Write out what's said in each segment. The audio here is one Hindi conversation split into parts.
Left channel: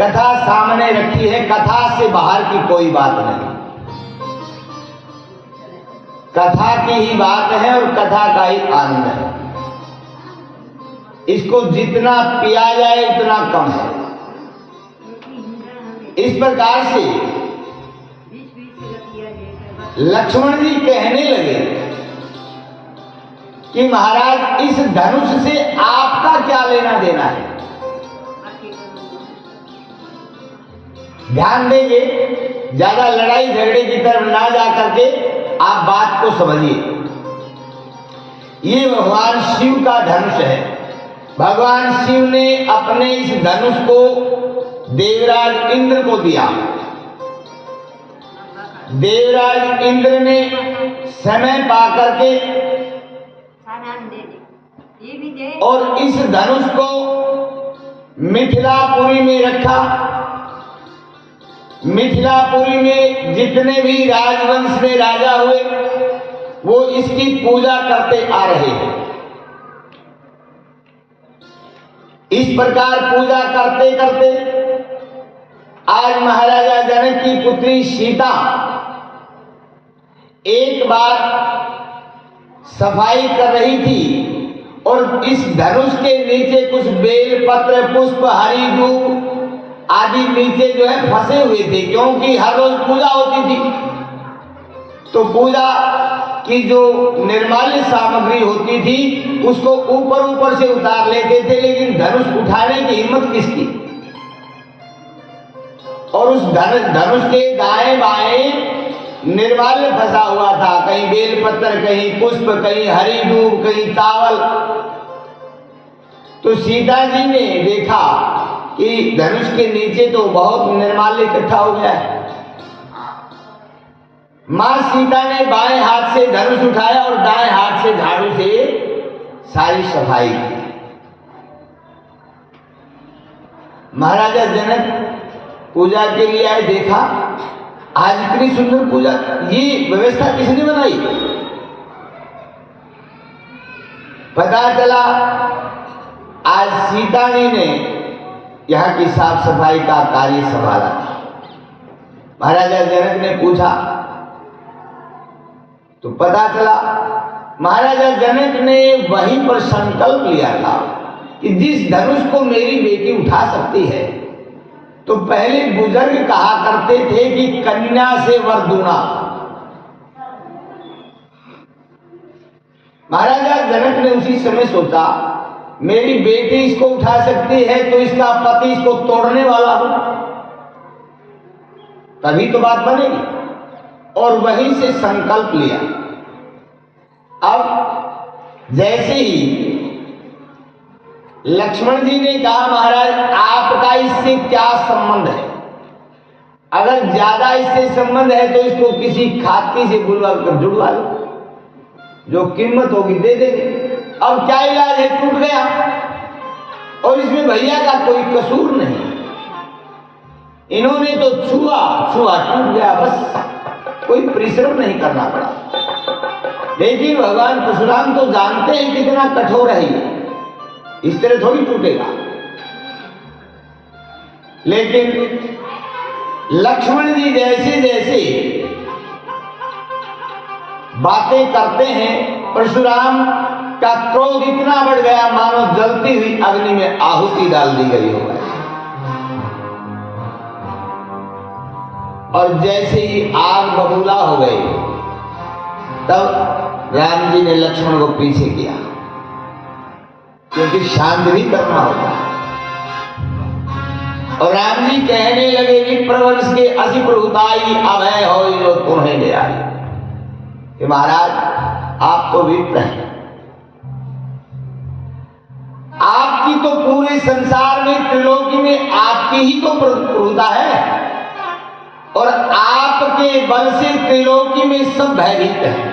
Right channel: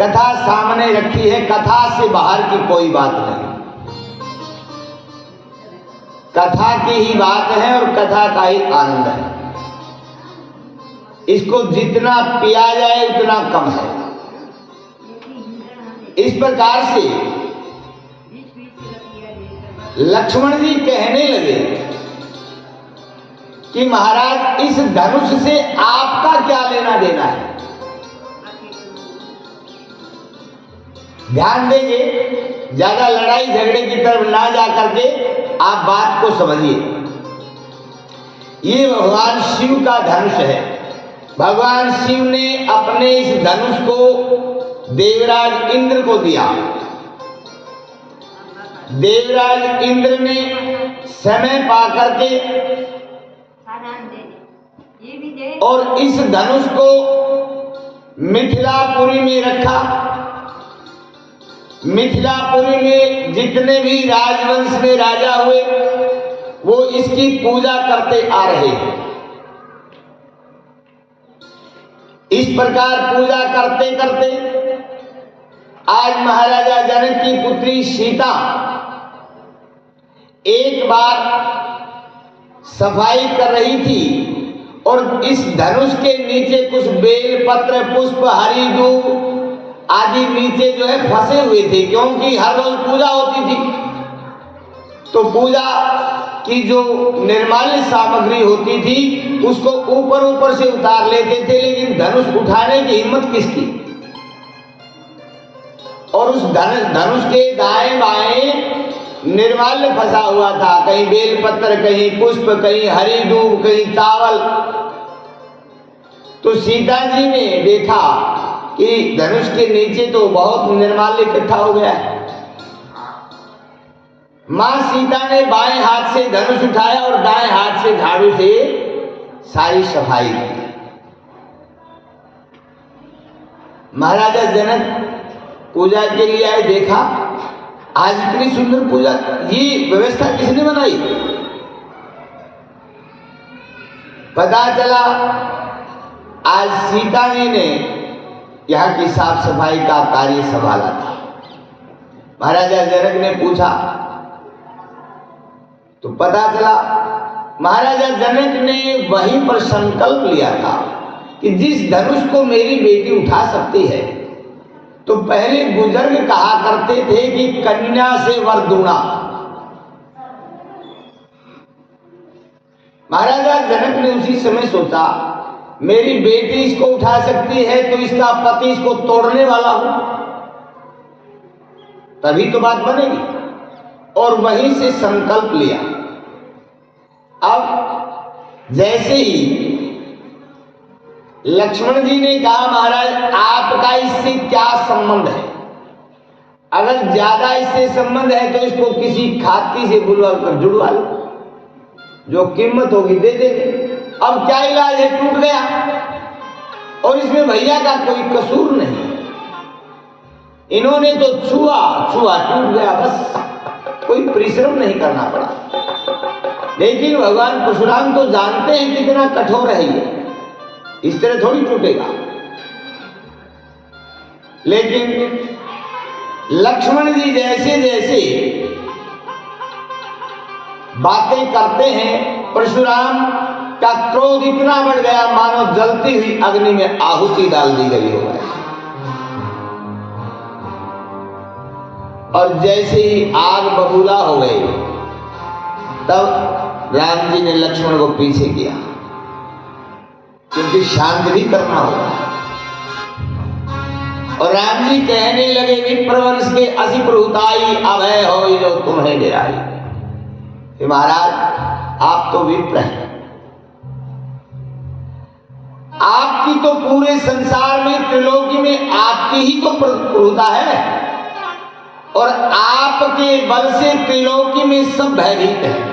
कथा सामने रखी है, कथा से बाहर की कोई बात नहीं, कथा की ही बात है और कथा का ही आनंद है। इसको जितना पिया जाए उतना कम है। इस प्रकार से लक्ष्मण जी कहने लगे कि महाराज इस धनुष से आपका क्या लेना देना है। ध्यान देंगे, ज्यादा लड़ाई झगड़े की तरफ ना जा करके आप बात को समझिए। ये भगवान शिव का धनुष है। भगवान शिव ने अपने इस धनुष को देवराज इंद्र को दिया। देवराज इंद्र ने समय पाकर के और इस धनुष को मिथिलापुरी में रखा। मिथिलापुरी में जितने भी राजवंश में राजा हुए वो इसकी पूजा करते आ रहे हैं। इस प्रकार पूजा करते करते आज महाराजा जनक की पुत्री सीता एक बार सफाई कर रही थी और इस धनुष के नीचे कुछ बेलपत्र, पुष्प, हरी दूब आदि नीचे जो है फंसे हुए थे, क्योंकि हर रोज पूजा होती थी। तो पूजा की जो निर्माल्य सामग्री होती थी उसको ऊपर ऊपर से उतार लेते थे, लेकिन धनुष उठाने की हिम्मत किसकी। और उस धनुष के दाएं बाएं निर्माल्य फंसा हुआ था, कहीं बेलपत्र, कहीं पुष्प, कहीं हरी दूब, कहीं चावल। तो सीता जी ने देखा कि धनुष के नीचे तो बहुत निर्माल्य इकट्ठा हो गया है। मां सीता ने बाएं हाथ से धनुष उठाया और दाएं हाथ से झाड़ू से सारी सफाई की। महाराजा जनक पूजा के लिए आए, देखा आज इतनी सुंदर पूजा, ये व्यवस्था किसने बनाई। पता चला आज सीता जी ने यहाँ की साफ सफाई का कार्य संभाला था। महाराजा जनक ने पूछा तो पता चला महाराजा जनक ने वहीं पर संकल्प लिया था कि जिस धनुष को मेरी बेटी उठा सकती है, तो पहले बुजुर्ग कहा करते थे कि कन्या से वर दूना। महाराजा जनक ने उसी समय सोचा मेरी बेटी इसको उठा सकती है तो इसका पति इसको तोड़ने वाला हो, तभी तो बात बनेगी। और वहीं से संकल्प लिया। अब जैसे ही लक्ष्मण जी ने कहा महाराज आपका इससे क्या संबंध है, अगर ज्यादा इससे संबंध है तो इसको किसी खाती से बुलवा कर जुड़वा लो, जो कीमत होगी दे देंगे। अब क्या इलाज है, टूट गया और इसमें भैया का कोई कसूर नहीं, इन्होंने तो छुआ टूट गया, बस कोई परिश्रम नहीं करना पड़ा। लेकिन भगवान परशुराम तो जानते हैं कितना कठोर है ये, इस तरह थोड़ी टूटेगा। लेकिन लक्ष्मण जी जैसे जैसे बातें करते हैं, परशुराम का क्रोध इतना बढ़ गया मानो जलती हुई अग्नि में आहुति डाल दी गई हो। और जैसे ही आग बबूला हो गई तब राम जी ने लक्ष्मण को पीछे किया, क्योंकि शांत भी करना होगा। और राम जी कहने लगे विप्रवंश के असी प्रभुताई अभय हो जो तुम्हें निराई। महाराज आप तो विप्र हैं, आपकी तो पूरे संसार में त्रिलोकी में आपकी ही तो प्रभुता है और आपके बल से त्रिलोकी में सब भयभीत है।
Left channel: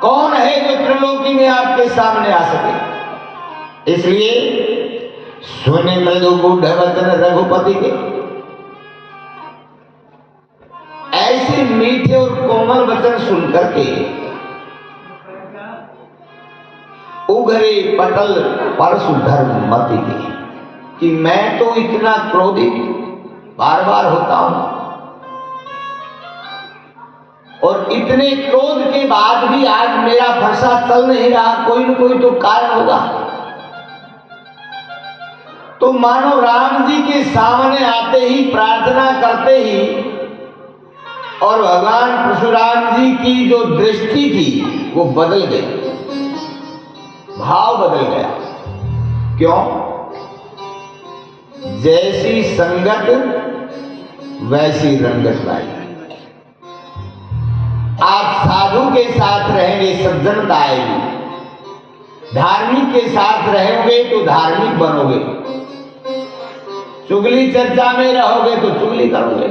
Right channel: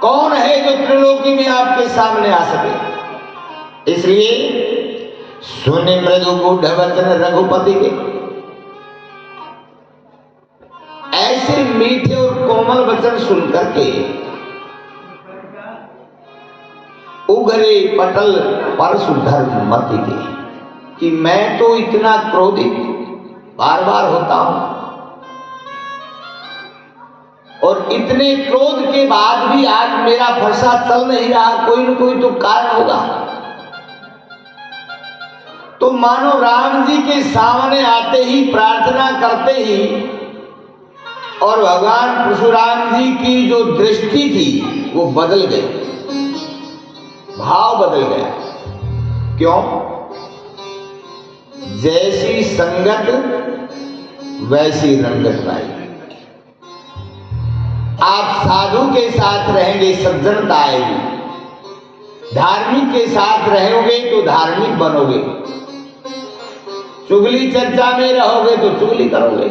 कौन है जो त्रिलोकी में आपके सामने आ सके। इसलिए सुने मृदु गूढ़ वचन रघुपति के, ऐसे मीठे और कोमल वचन सुनकर के उगरे पटल परशु धर्म मति के। कि मैं तो इतना क्रोधित बार बार होता हूं और इतने क्रोध के बाद भी आज मेरा फरसा चल नहीं रहा, कोई न कोई तो कारण होगा। तो मानो राम जी के सामने आते ही, प्रार्थना करते ही, और भगवान परशुराम जी की जो दृष्टि थी वो बदल गई, भाव बदल गया। क्यों? जैसी संगत वैसी रंगत भाई। आप साधु के साथ रहेंगे, सज्जनता आएगी। धार्मिक के साथ रहोगे तो धार्मिक बनोगे। चुगली चर्चा में रहोगे तो चुगली करोगे।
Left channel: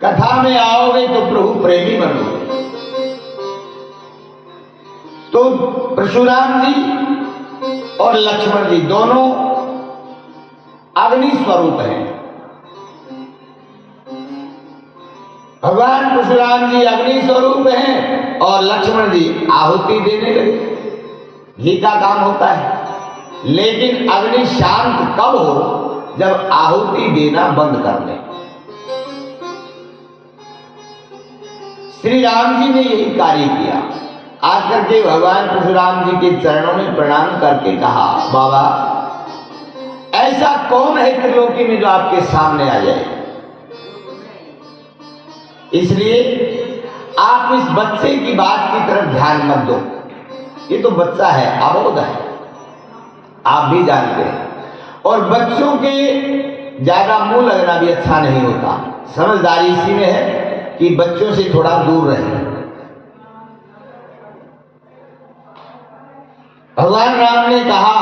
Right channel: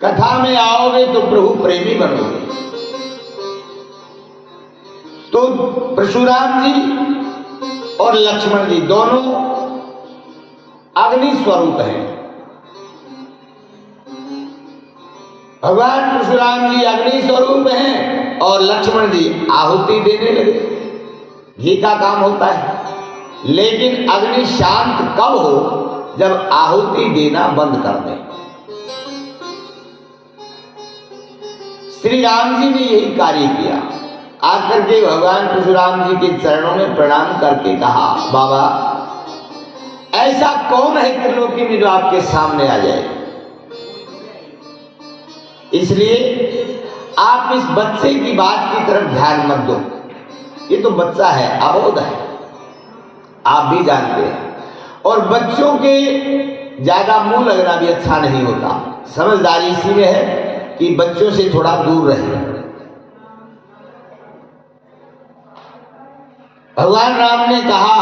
कथा में आओगे तो प्रभु प्रेमी बनोगे। तो परशुराम जी और लक्ष्मण जी दोनों अग्नि स्वरूप हैं। भगवान परशुराम जी अग्नि स्वरूप हैं और लक्ष्मण जी आहुति देने लगे। घी का काम होता है, लेकिन अग्नि शांत कब हो? जब आहुति देना बंद कर दे। श्री राम जी ने यही कार्य किया। आकर के भगवान परशुराम जी के चरणों में प्रणाम करके कहा, बाबा ऐसा कौन है त्रिलोकी में जो आपके सामने आ जाए? इसलिए आप इस बच्चे की बात की तरफ ध्यान मत दो। ये तो बच्चा है, अबोध है, आप भी जानते हैं। और बच्चों के ज्यादा मुंह लगना भी अच्छा नहीं होता। समझदारी इसी में है कि बच्चों से थोड़ा दूर रहें। भगवान राम ने कहा,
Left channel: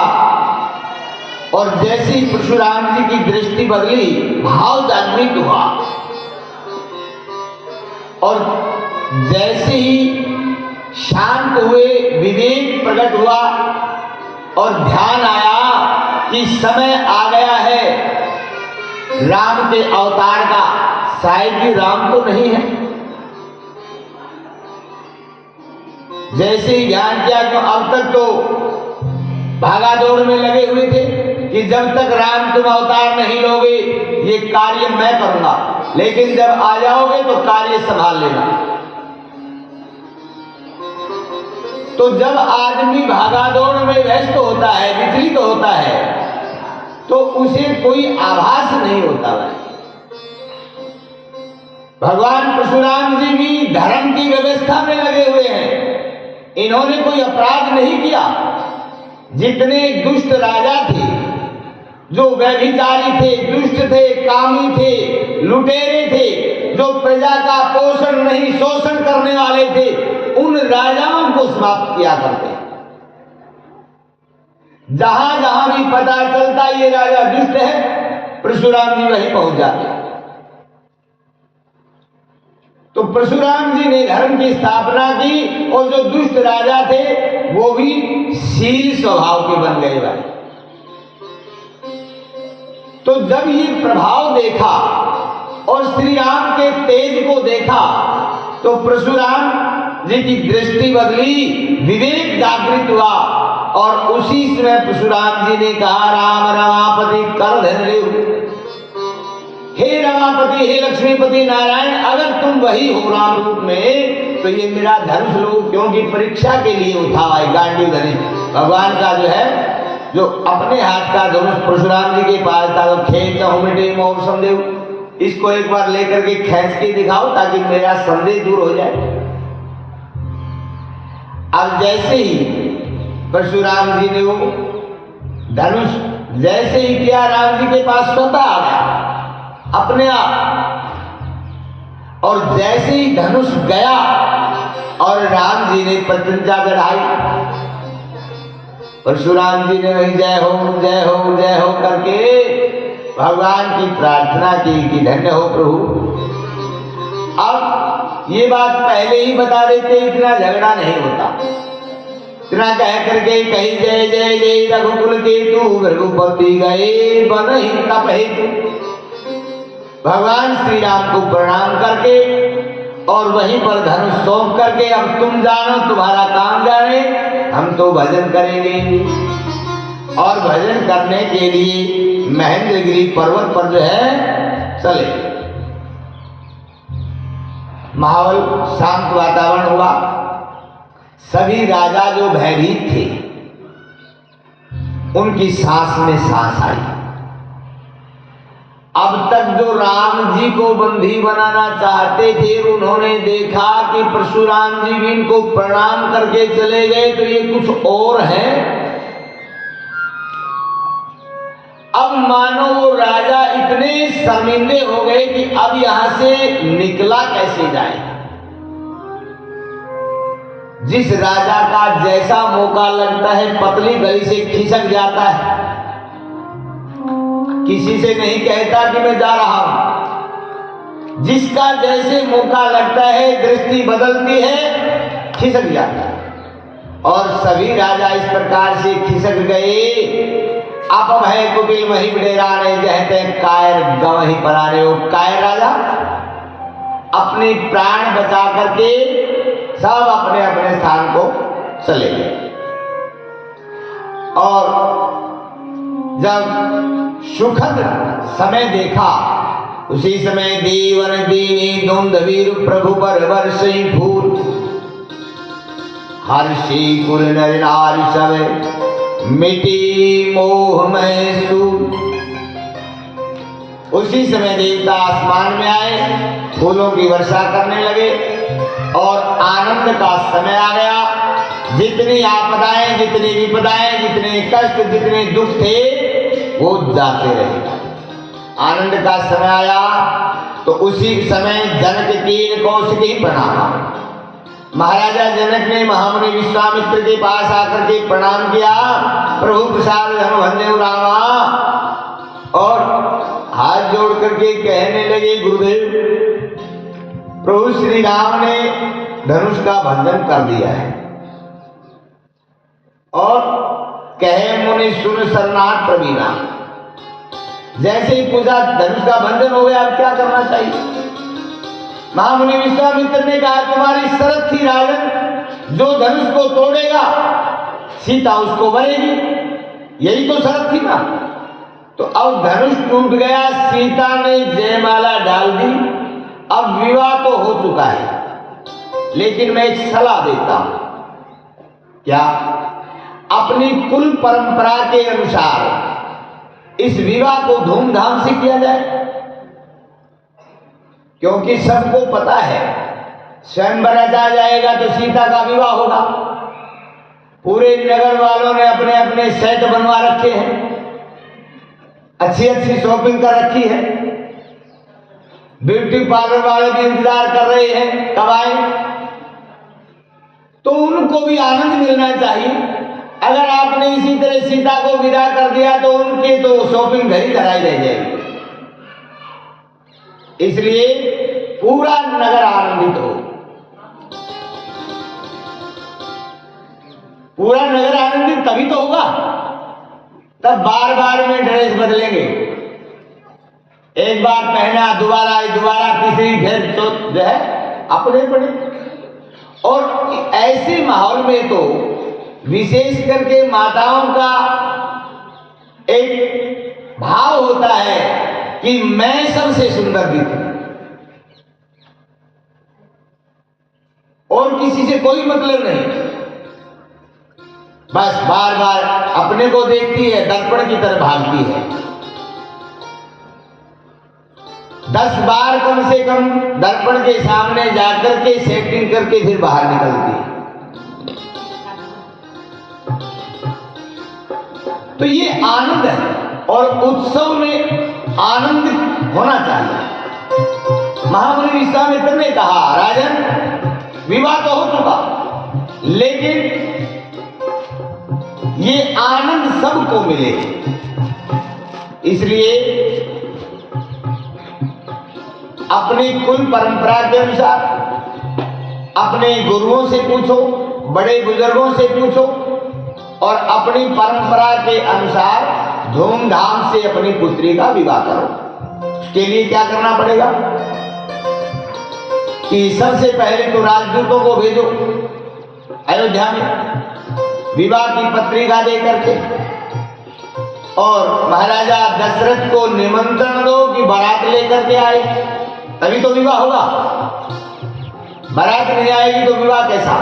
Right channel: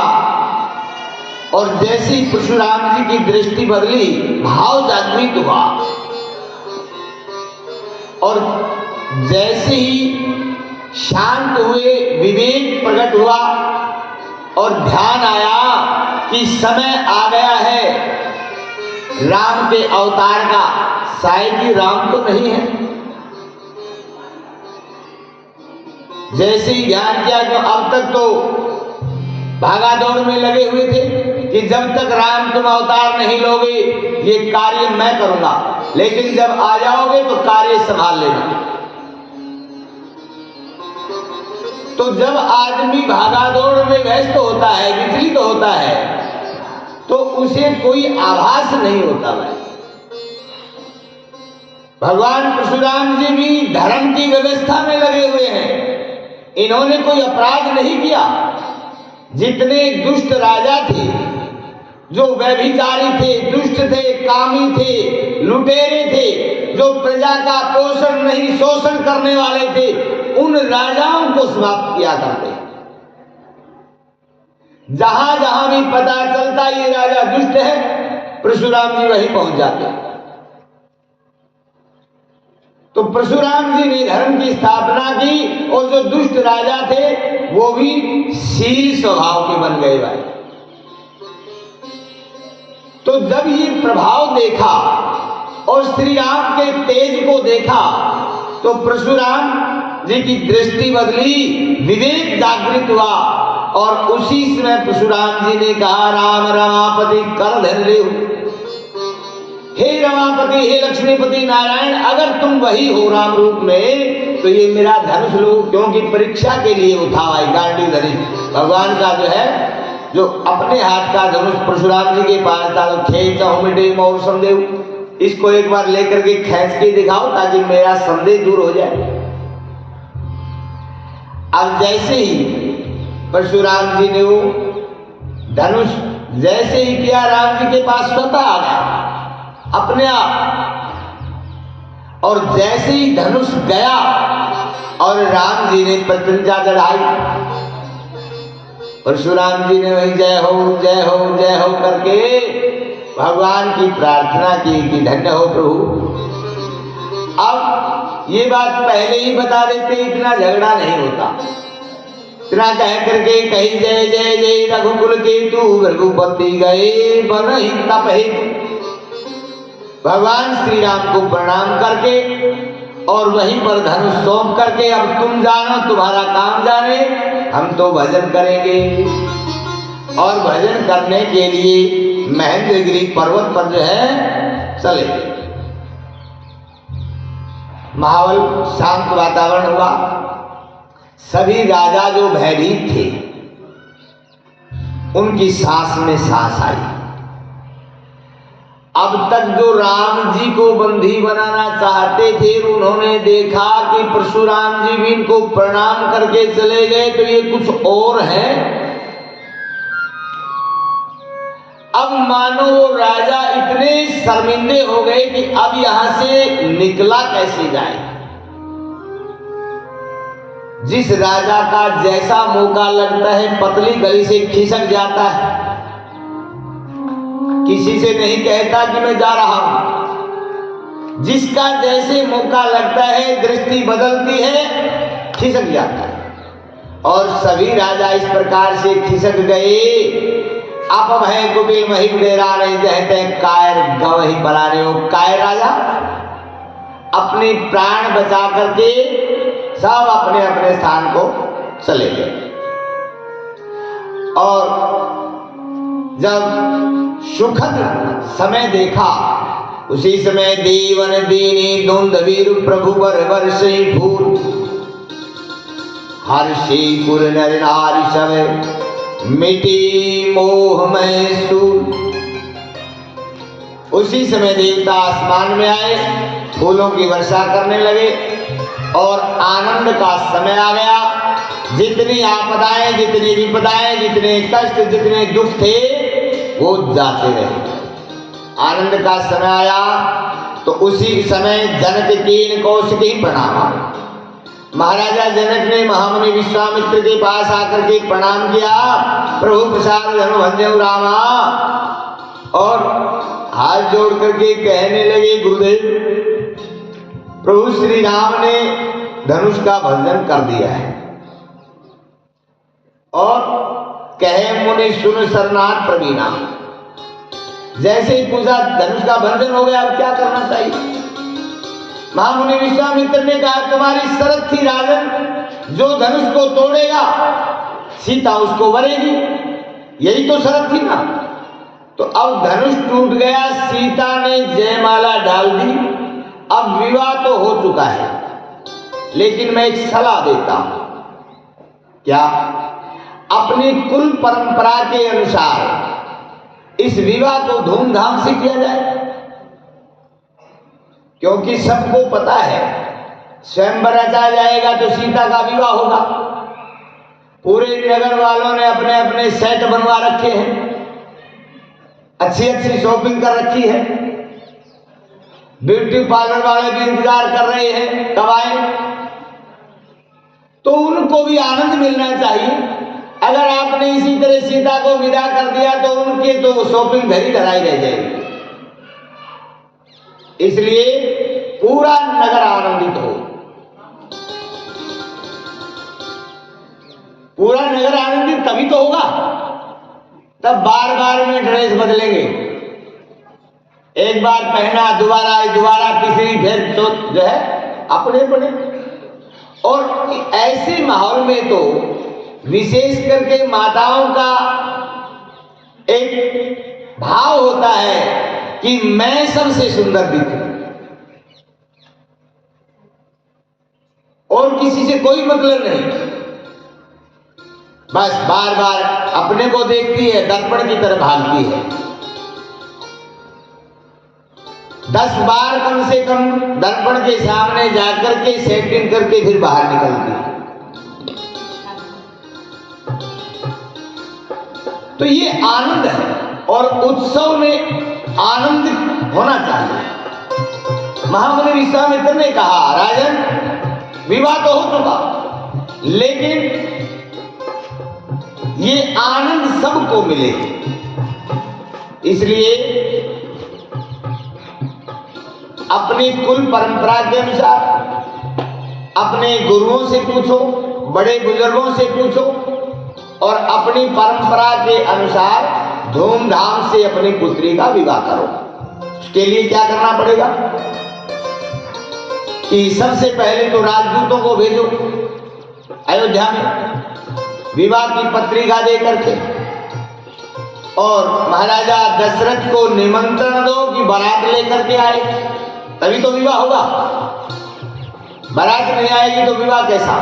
और जैसे ही परशुराम जी की दृष्टि बदली, भाव जागृत हुआ, और जैसे ही शांत हुए, विवेक प्रकट हुआ और ध्यान आया कि समय आ गया है राम के अवतार का। शायद ही राम तो नहीं है। जैसे ही ध्यान किया कि अब तक तो भागा दौड़ में लगे हुए थे कि जब तक राम तुम अवतार नहीं लोगे ये कार्य मैं करूंगा, लेकिन जब आ जाओगे तो कार्य संभाल लेना। तो जब आदमी भागा दौड़ में व्यस्त होता है, विचलित होता है, तो उसे कोई आभास नहीं होता है। भगवान परशुराम जी भी धर्म की व्यवस्था में लगे हुए हैं। इन्होंने कोई अपराध नहीं किया। जितने दुष्ट राजा थे, जो व्यभिचारी थे, दुष्ट थे, कामी थे, लुटेरे थे, जो प्रजा का पोषण नहीं शोषण करने वाले थे, उन राजाओं को समाप्त किया करते। जहां जहां भी पता चलता ये राजा दुष्ट है, परशुराम जी वहीं पहुंच जाते। तो परशुराम जी ने धर्म की स्थापना की और जो दुष्ट राजा थे वो भी शील स्वभाव के बन गए भाई। तो जब ये प्रभाव देखा और श्री राम के तेज को देखा तो परशुराम जी की दृष्टि बदली, विवेक जागृत हुआ, और उसी समय परशुराम जी ने कहा, राम रमापति कर धन ले। हे रमापति, हे लक्ष्मीपति नारायण, अगर तुम वही हो राम रूप में तो ये मेरा धनुष लो, क्योंकि परीक्षा के लिए उठा हुआ है गांडीव धनुष। भगवान का जो है, जो अपने हाथ का धनुष परशुराम जी के पास था, तो खेच मिटे मोह संदेह, इसको एक बार लेकर के खींच के दिखाओ ताकि मेरा संदेह दूर हो जाए। अब जैसे ही परशुराम जी ने वो धनुष जैसे ही किया, राम जी के पास स्वतः आ गया अपने आप, और जैसे ही धनुष गया और राम जी ने प्रतिज्ञा चढ़ाई, परशुराम जी ने जय हो जय हो जय हो करके भगवान की प्रार्थना की कि धन्य हो प्रभु। अब ये बात पहले ही बता देते, इतना झगड़ा नहीं होता। इतना कह करके कही जय जय जय रघुकुल केतु रघुपति गए बन ही तपहित। भगवान श्री राम को प्रणाम करके और वहीं पर धनुष सौंप करके, अब तुम जानो, तुम्हारा काम जाने, हम तो भजन करेंगे। और भजन करने के लिए महेंद्रगिरी पर्वत पर जो है चले। माहौल शांत वातावरण हुआ। सभी राजा जो भयभीत थे उनकी सांस में सांस आई। अब तक जो राम जी को बंदी बनाना चाहते थे, उन्होंने देखा कि परशुराम जी भी इनको प्रणाम करके चले गए, तो ये कुछ और है। अब मानो वो राजा इतने शर्मिंदे हो गए कि अब यहां से निकला कैसे जाए। जिस राजा का जैसा मौका लगता है पतली गली से खिसक जाता है, किसी से नहीं कहता कि मैं जा रहा हूं। जिसका जैसे मौका लगता है दृष्टि बदलती है, खिसक जाता है। और सभी राजा इस प्रकार से खिसक गए। आप भय कुटिल मही डेरा नहीं जहते कायर गांव ही पलारे हो। कायर राजा अपने प्राण बचा करके सब अपने अपने स्थान को चले गए। और जब सुखद समय देखा, उसी समय देवन दीनी धुंधवीर प्रभु वर वर्षि भूत हर्षि कुल नर नारी सब मिटी मोह में सूत। उसी समय देवता आसमान में आए, फूलों की वर्षा करने लगे और आनंद का समय आ गया। जितनी आपदाएं, जितनी विपदाएं, जितने कष्ट, जितने दुख थे वो जाते रहे। आनंद का समय आया तो उसी समय जनक कीन कौशिकी प्रणाम। महाराजा जनक ने महामुनि विश्वामित्र के पास आकर के प्रणाम किया। प्रभु प्रसाद धन भंजो रामा, और हाथ जोड़ करके कहने लगे, गुरुदेव प्रभु श्री राम ने धनुष का भंजन कर दिया है। और कहे मुनि सुन सरनाथ प्रवीणा, जैसे ही पूजा धनुष का भंजन हो गया, अब क्या करना चाहिए। महामुनि विश्वामित्र ने कहा, तुम्हारी शरत थी राजन, जो धनुष को तोड़ेगा सीता उसको वरेगी, यही तो शरत थी ना। तो अब धनुष टूट गया, सीता ने जयमाला डाल दी, अब विवाह तो हो चुका है। लेकिन मैं एक सलाह देता हूं, क्या अपनी कुल परंपरा के अनुसार इस विवाह को धूमधाम से किया जाए। क्योंकि सबको पता है स्वयंवर रचा जाएगा तो सीता का विवाह होगा। पूरे नगर वालों ने अपने अपने सेट बनवा रखे हैं, अच्छी अच्छी शॉपिंग कर रखी है, ब्यूटी पार्लर वाले भी इंतजार कर रहे हैं कब आए। तो उनको भी आनंद मिलना चाहिए। अगर आपने इसी तरह सीता को विदा कर दिया तो उनके तो शॉपिंग घर ही कराई रह जाएगी। इसलिए पूरा नगर आनंदित हो, पूरा नगर आनंदित तभी तो होगा। तब बार बार में ड्रेस बदलेंगे, एक बार पहना दोबारा तीसरी फिर तो जो है अपने पड़े। और ऐसे माहौल में तो विशेष करके माताओं का एक भाव होता है कि मैं सबसे सुंदर दिखूं, और किसी से कोई मतलब नहीं। बस बार बार अपने को देखती है, दर्पण की तरह भागती है। 10 बार कम से कम दर्पण के सामने जाकर के सेटिंग करके फिर बाहर निकलती है। तो ये आनंद है, और उत्सव में आनंद होना चाहिए। महामुनि विश्वामित्र ने कहा, राजन विवाह तो हो चुका, लेकिन ये आनंद सबको मिले, इसलिए अपनी कुल परंपरा के अनुसार अपने गुरुओं से पूछो, बड़े बुजुर्गों से पूछो, और अपनी परंपरा के अनुसार धूमधाम से अपनी पुत्री का विवाह करो। उसके लिए क्या करना पड़ेगा कि सबसे पहले तो राजदूतों को भेजो अयोध्या में, विवाह की पत्रिका दे करके और महाराजा दशरथ को निमंत्रण दो कि बारात लेकर के आए, तभी तो विवाह होगा। बारात नहीं आएगी तो विवाह कैसा।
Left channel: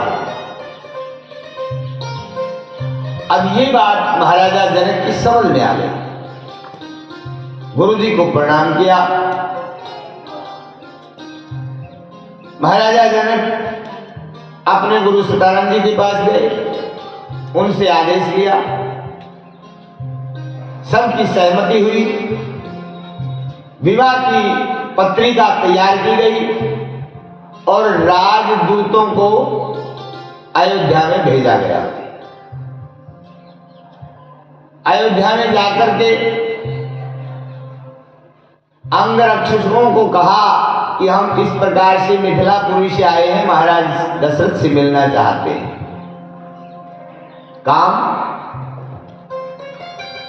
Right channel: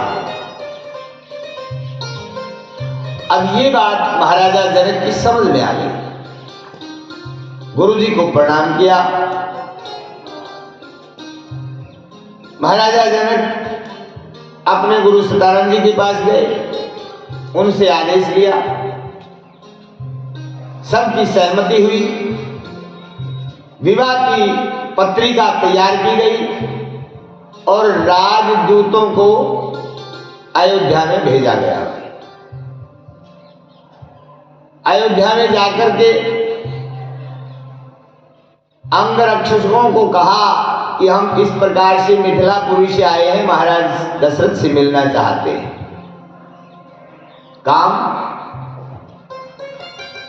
अब ये बात महाराजा जनक की समझ में आ गई। गुरुजी को प्रणाम किया। महाराजा जनक अपने गुरु सदानंद जी के पास गए, उनसे आदेश लिया, सबकी सहमति हुई, विवाह की पत्रिका तैयार की गई और राजदूतों को अयोध्या में भेजा गया। अयोध्या में जाकर के अंगरक्षकों को कहा कि हम इस प्रकार से मिथिलापुरी से आए हैं, महाराज दशरथ से मिलना चाहते हैं। काम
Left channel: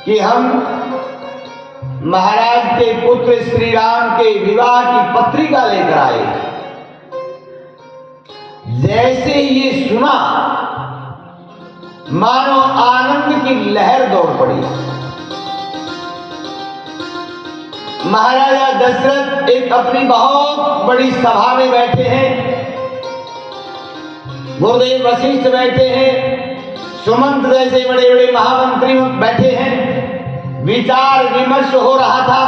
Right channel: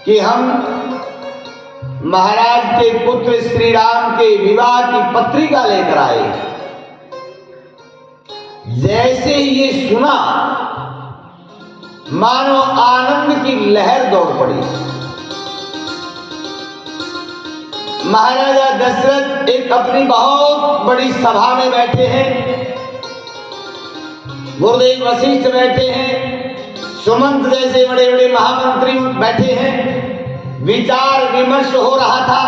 कि हम महाराज के पुत्र श्री राम के विवाह की पत्रिका लेकर आए। जैसे ही ये सुना, मानो आनंद की लहर दौड़ पड़ी। महाराजा दशरथ एक अपनी बहुत बड़ी सभा में बैठे हैं, गुरुदेव वशिष्ठ बैठे हैं, सुमंत जैसे बड़े बड़े महामंत्री बैठे हैं, विचार विमर्श हो रहा था।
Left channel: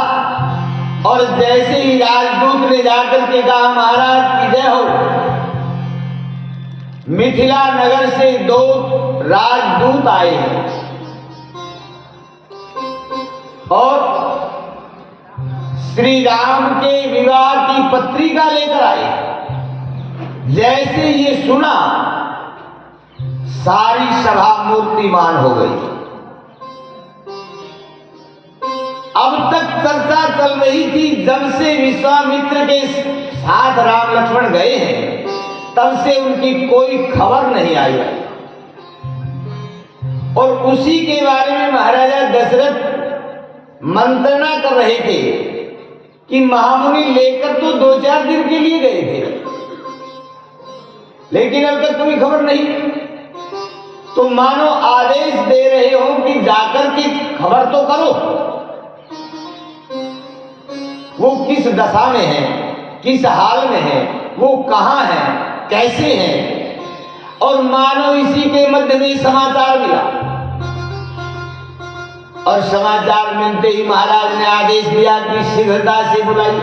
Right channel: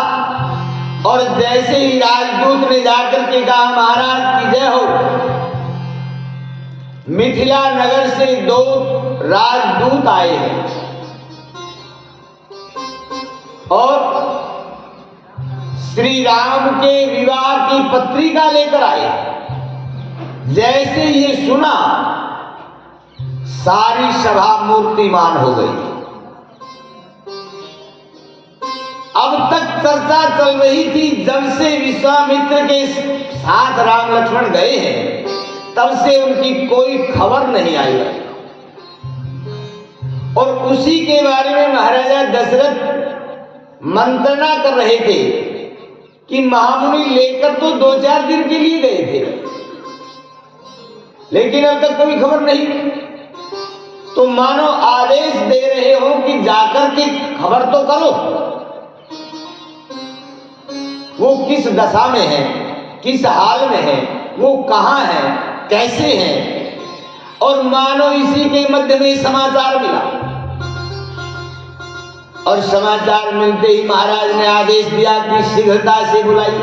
और जैसे ही राजदूत ने जाकर के कहा महाराज की जय हो, मिथिला नगर से 2 राजदूत आए हैं और श्री राम के विवाह की पत्रिका लेकर आए। जैसे ये सुना, सारी सभा मूर्तिमान हो गई। अब तक चर्चा चल रही थी, जब से विश्वामित्र के साथ राम लक्ष्मण गए हैं तब से उनकी कोई खबर नहीं आई। और उसी के बारे में महाराजा दशरथ मंत्रणा कर रहे थे कि महामुनि लेकर तो 2-4 दिन के लिए गए थे, लेकिन अब तक कोई खबर नहीं। तो मानो आदेश दे रहे हो कि जाकर के खबर तो करो, वो किस दशा में है, किस हाल में है, वो कहां है, कैसे है। और मानो इसी के मध्य में समाचार मिला, और समाचार मिलते ही महाराज ने आदेश दिया कि शीघ्रता से बुलाइए।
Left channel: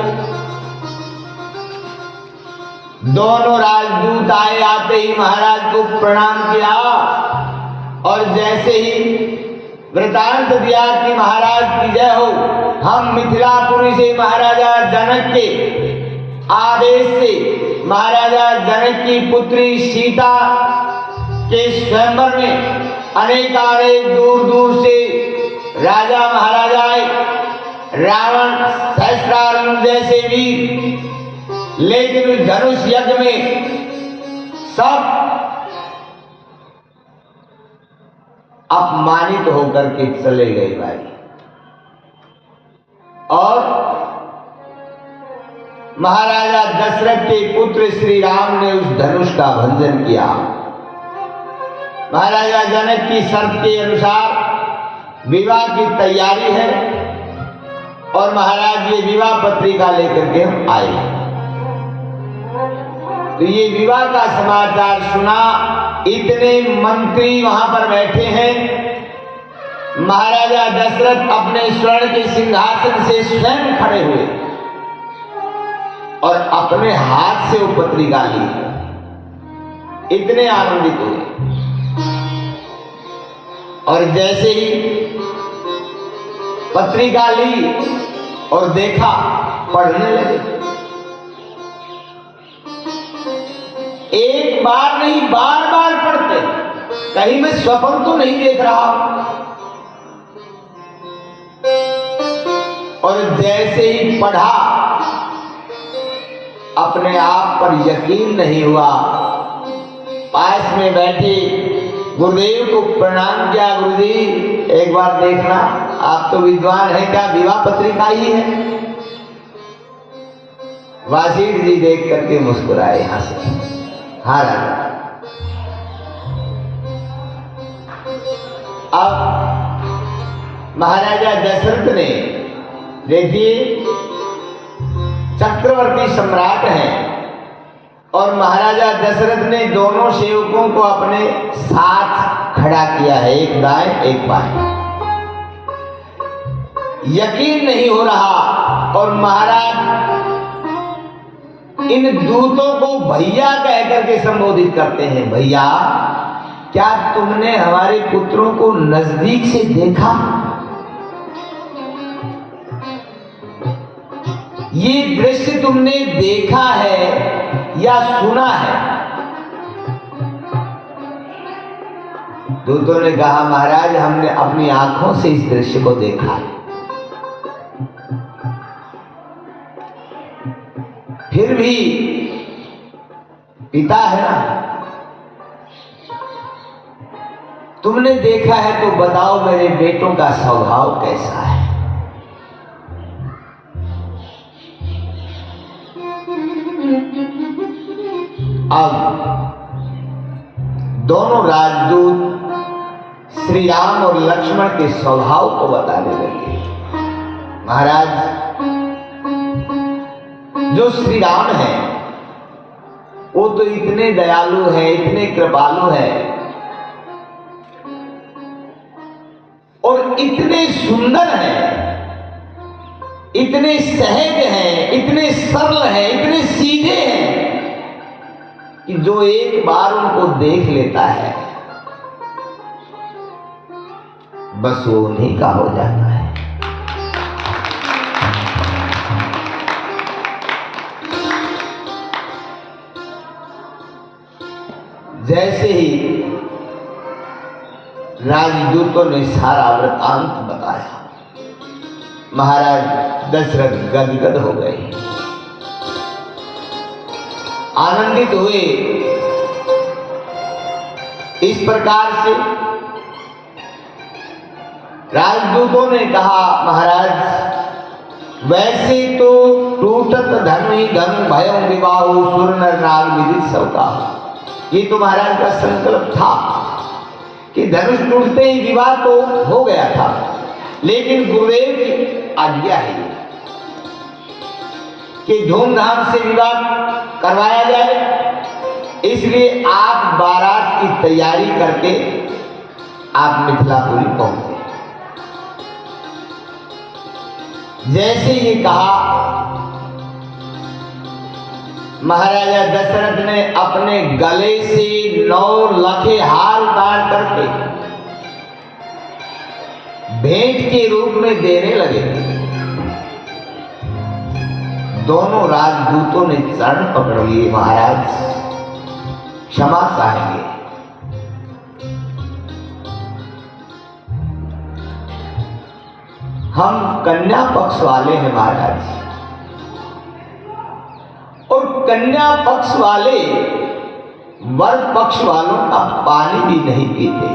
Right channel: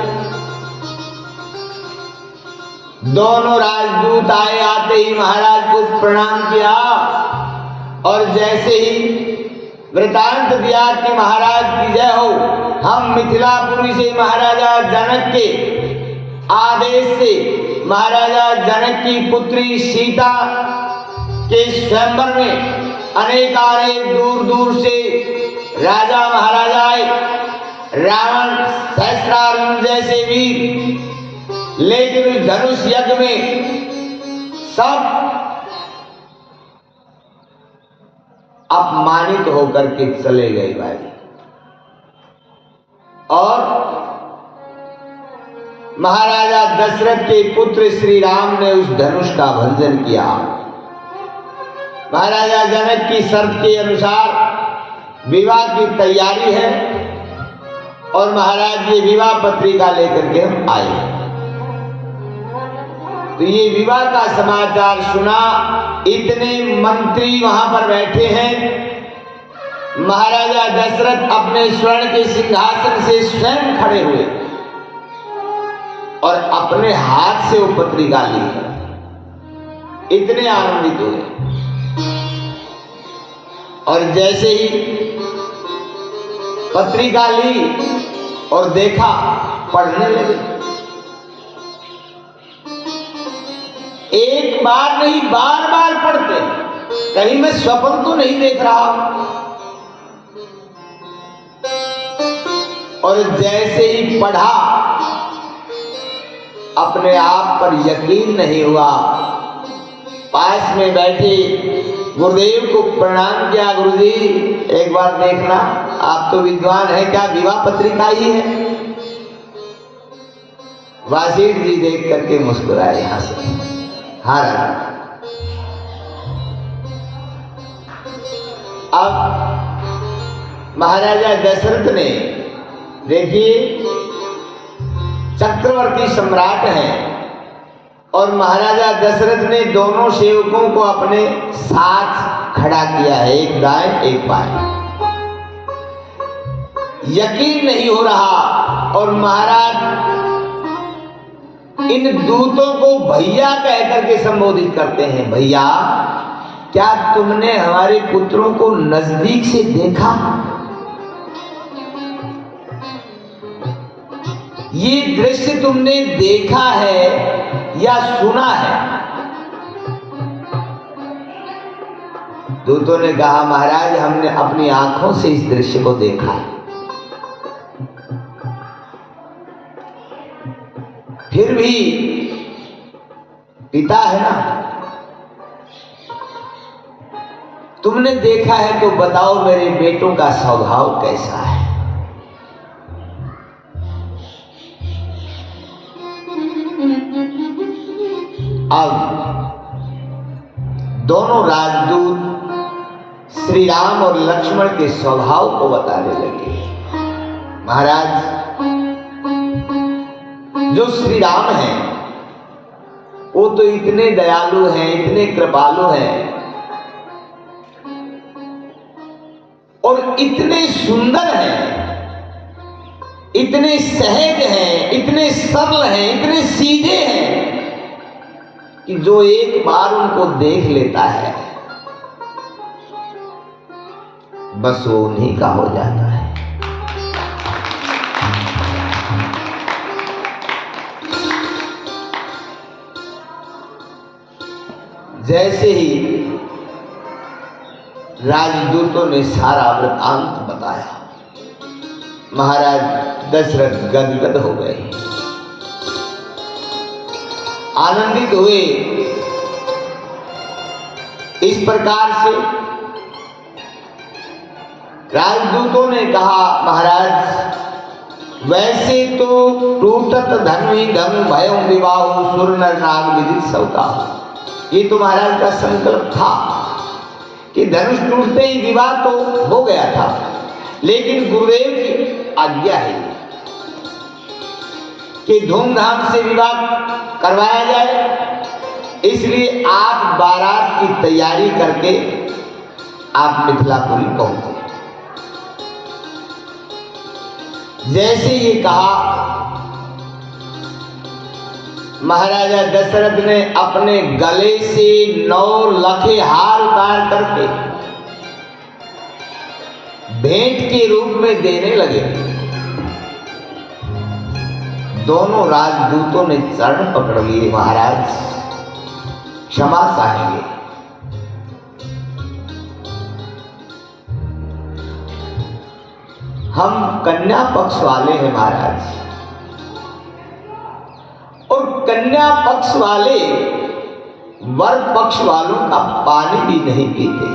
दोनों राजदूत आए, आते ही महाराज को प्रणाम किया और जैसे ही वृतांत दिया कि महाराज की जय हो, हम मिथिलापुरी से महाराजा जनक के आदेश से महाराजा जनक की पुत्री सीता के स्वयंवर में अनेक दूर दूर से राजा महाराजा आए। रावण सहस्रार्जुन जैसे वीर, लेकिन उस धनुष यज्ञ में सब अपमानित होकर के चले गए भाई। और महाराजा दशरथ के पुत्र श्री राम ने उस धनुष का भंजन किया। महाराजा जनक की शर्त के अनुसार विवाह की तैयारी है और महाराज ये विवाह पत्रिका लेकर के हम आए। तो ये विवाह का समाचार सुना, इतने मंत्री वहां पर बैठे हैं। महाराजा दशरथ अपने स्वर्ण के सिंहासन से स्वयं खड़े हुए और अपने हाथ से वो पत्रिका ली, इतने आनंदित हुए। और जैसे ही पत्रिका ली और देखा, पढ़ने लगे। एक बार नहीं, बार बार पढ़ते, कहीं मैं स्वप्न तो नहीं देख रहा। और जैसे ही पढ़ा, अपने आप पर यकीन नहीं हुआ। पास में बैठे गुरुदेव को प्रणाम किया, गुरुजी एक बार देखना, आप तो विद्वान हैं, क्या विवाह पत्रिका ही है? वासिष्ठ जी देख करके मुस्कुराए, यहां से हाँ राजा। अब महाराजा दशरथ ने, देखिए चक्रवर्ती सम्राट हैं और महाराजा दशरथ ने दोनों सेवकों को अपने साथ खड़ा किया है, एक दाएं एक बाएं। यकीन नहीं हो रहा और महाराज इन दूतों को भैया कहकर के संबोधित करते हैं। भैया, क्या तुमने हमारे पुत्रों को नजदीक से देखा? ये दृश्य तुमने देखा है या सुना है? दूतों ने कहा, महाराज हमने अपनी आंखों से इस दृश्य को देखा है। फिर भी पिता है ना, तुमने देखा है तो बताओ मेरे बेटों का स्वभाव कैसा है? अब दोनों राजदूत श्री राम और लक्ष्मण के स्वभाव को बताने लगे। महाराज, जो श्री राम हैं वो तो इतने दयालु हैं, इतने कृपालु हैं और इतने सुंदर हैं, इतने सहज हैं, इतने सरल हैं, इतने सीधे हैं कि जो एक बार उनको देख लेता है बस वो उन्हीं का हो जाता है। जैसे ही राजदूतों ने सारा वृत्तांत बताया, महाराज दशरथ गदगद हो गए, आनंदित हुए। इस प्रकार से राजदूतों ने कहा, महाराज वैसे तो टूटत धर्म ही धर्म भयं विवाहो सुर नर नाग विदित सवता। ये तो महाराज का संकल्प था कि धनुष टूटते ही विवाह तो हो गया था, लेकिन गुरुदेव की आज्ञा है कि धूमधाम से विवाह करवाया जाए, इसलिए आप बारात की तैयारी करके आप मिथिलापुरी पहुंचे। जैसे ये कहा, महाराजा दशरथ ने अपने गले से 9 लखे हार उतार करके भेंट के रूप में देने लगे। दोनों राजदूतों ने चरण पकड़ लिए, महाराज क्षमा चाहेंगे। हम कन्या पक्ष वाले हैं महाराज, और कन्या पक्ष वाले वर पक्ष वालों का पानी भी नहीं पीते।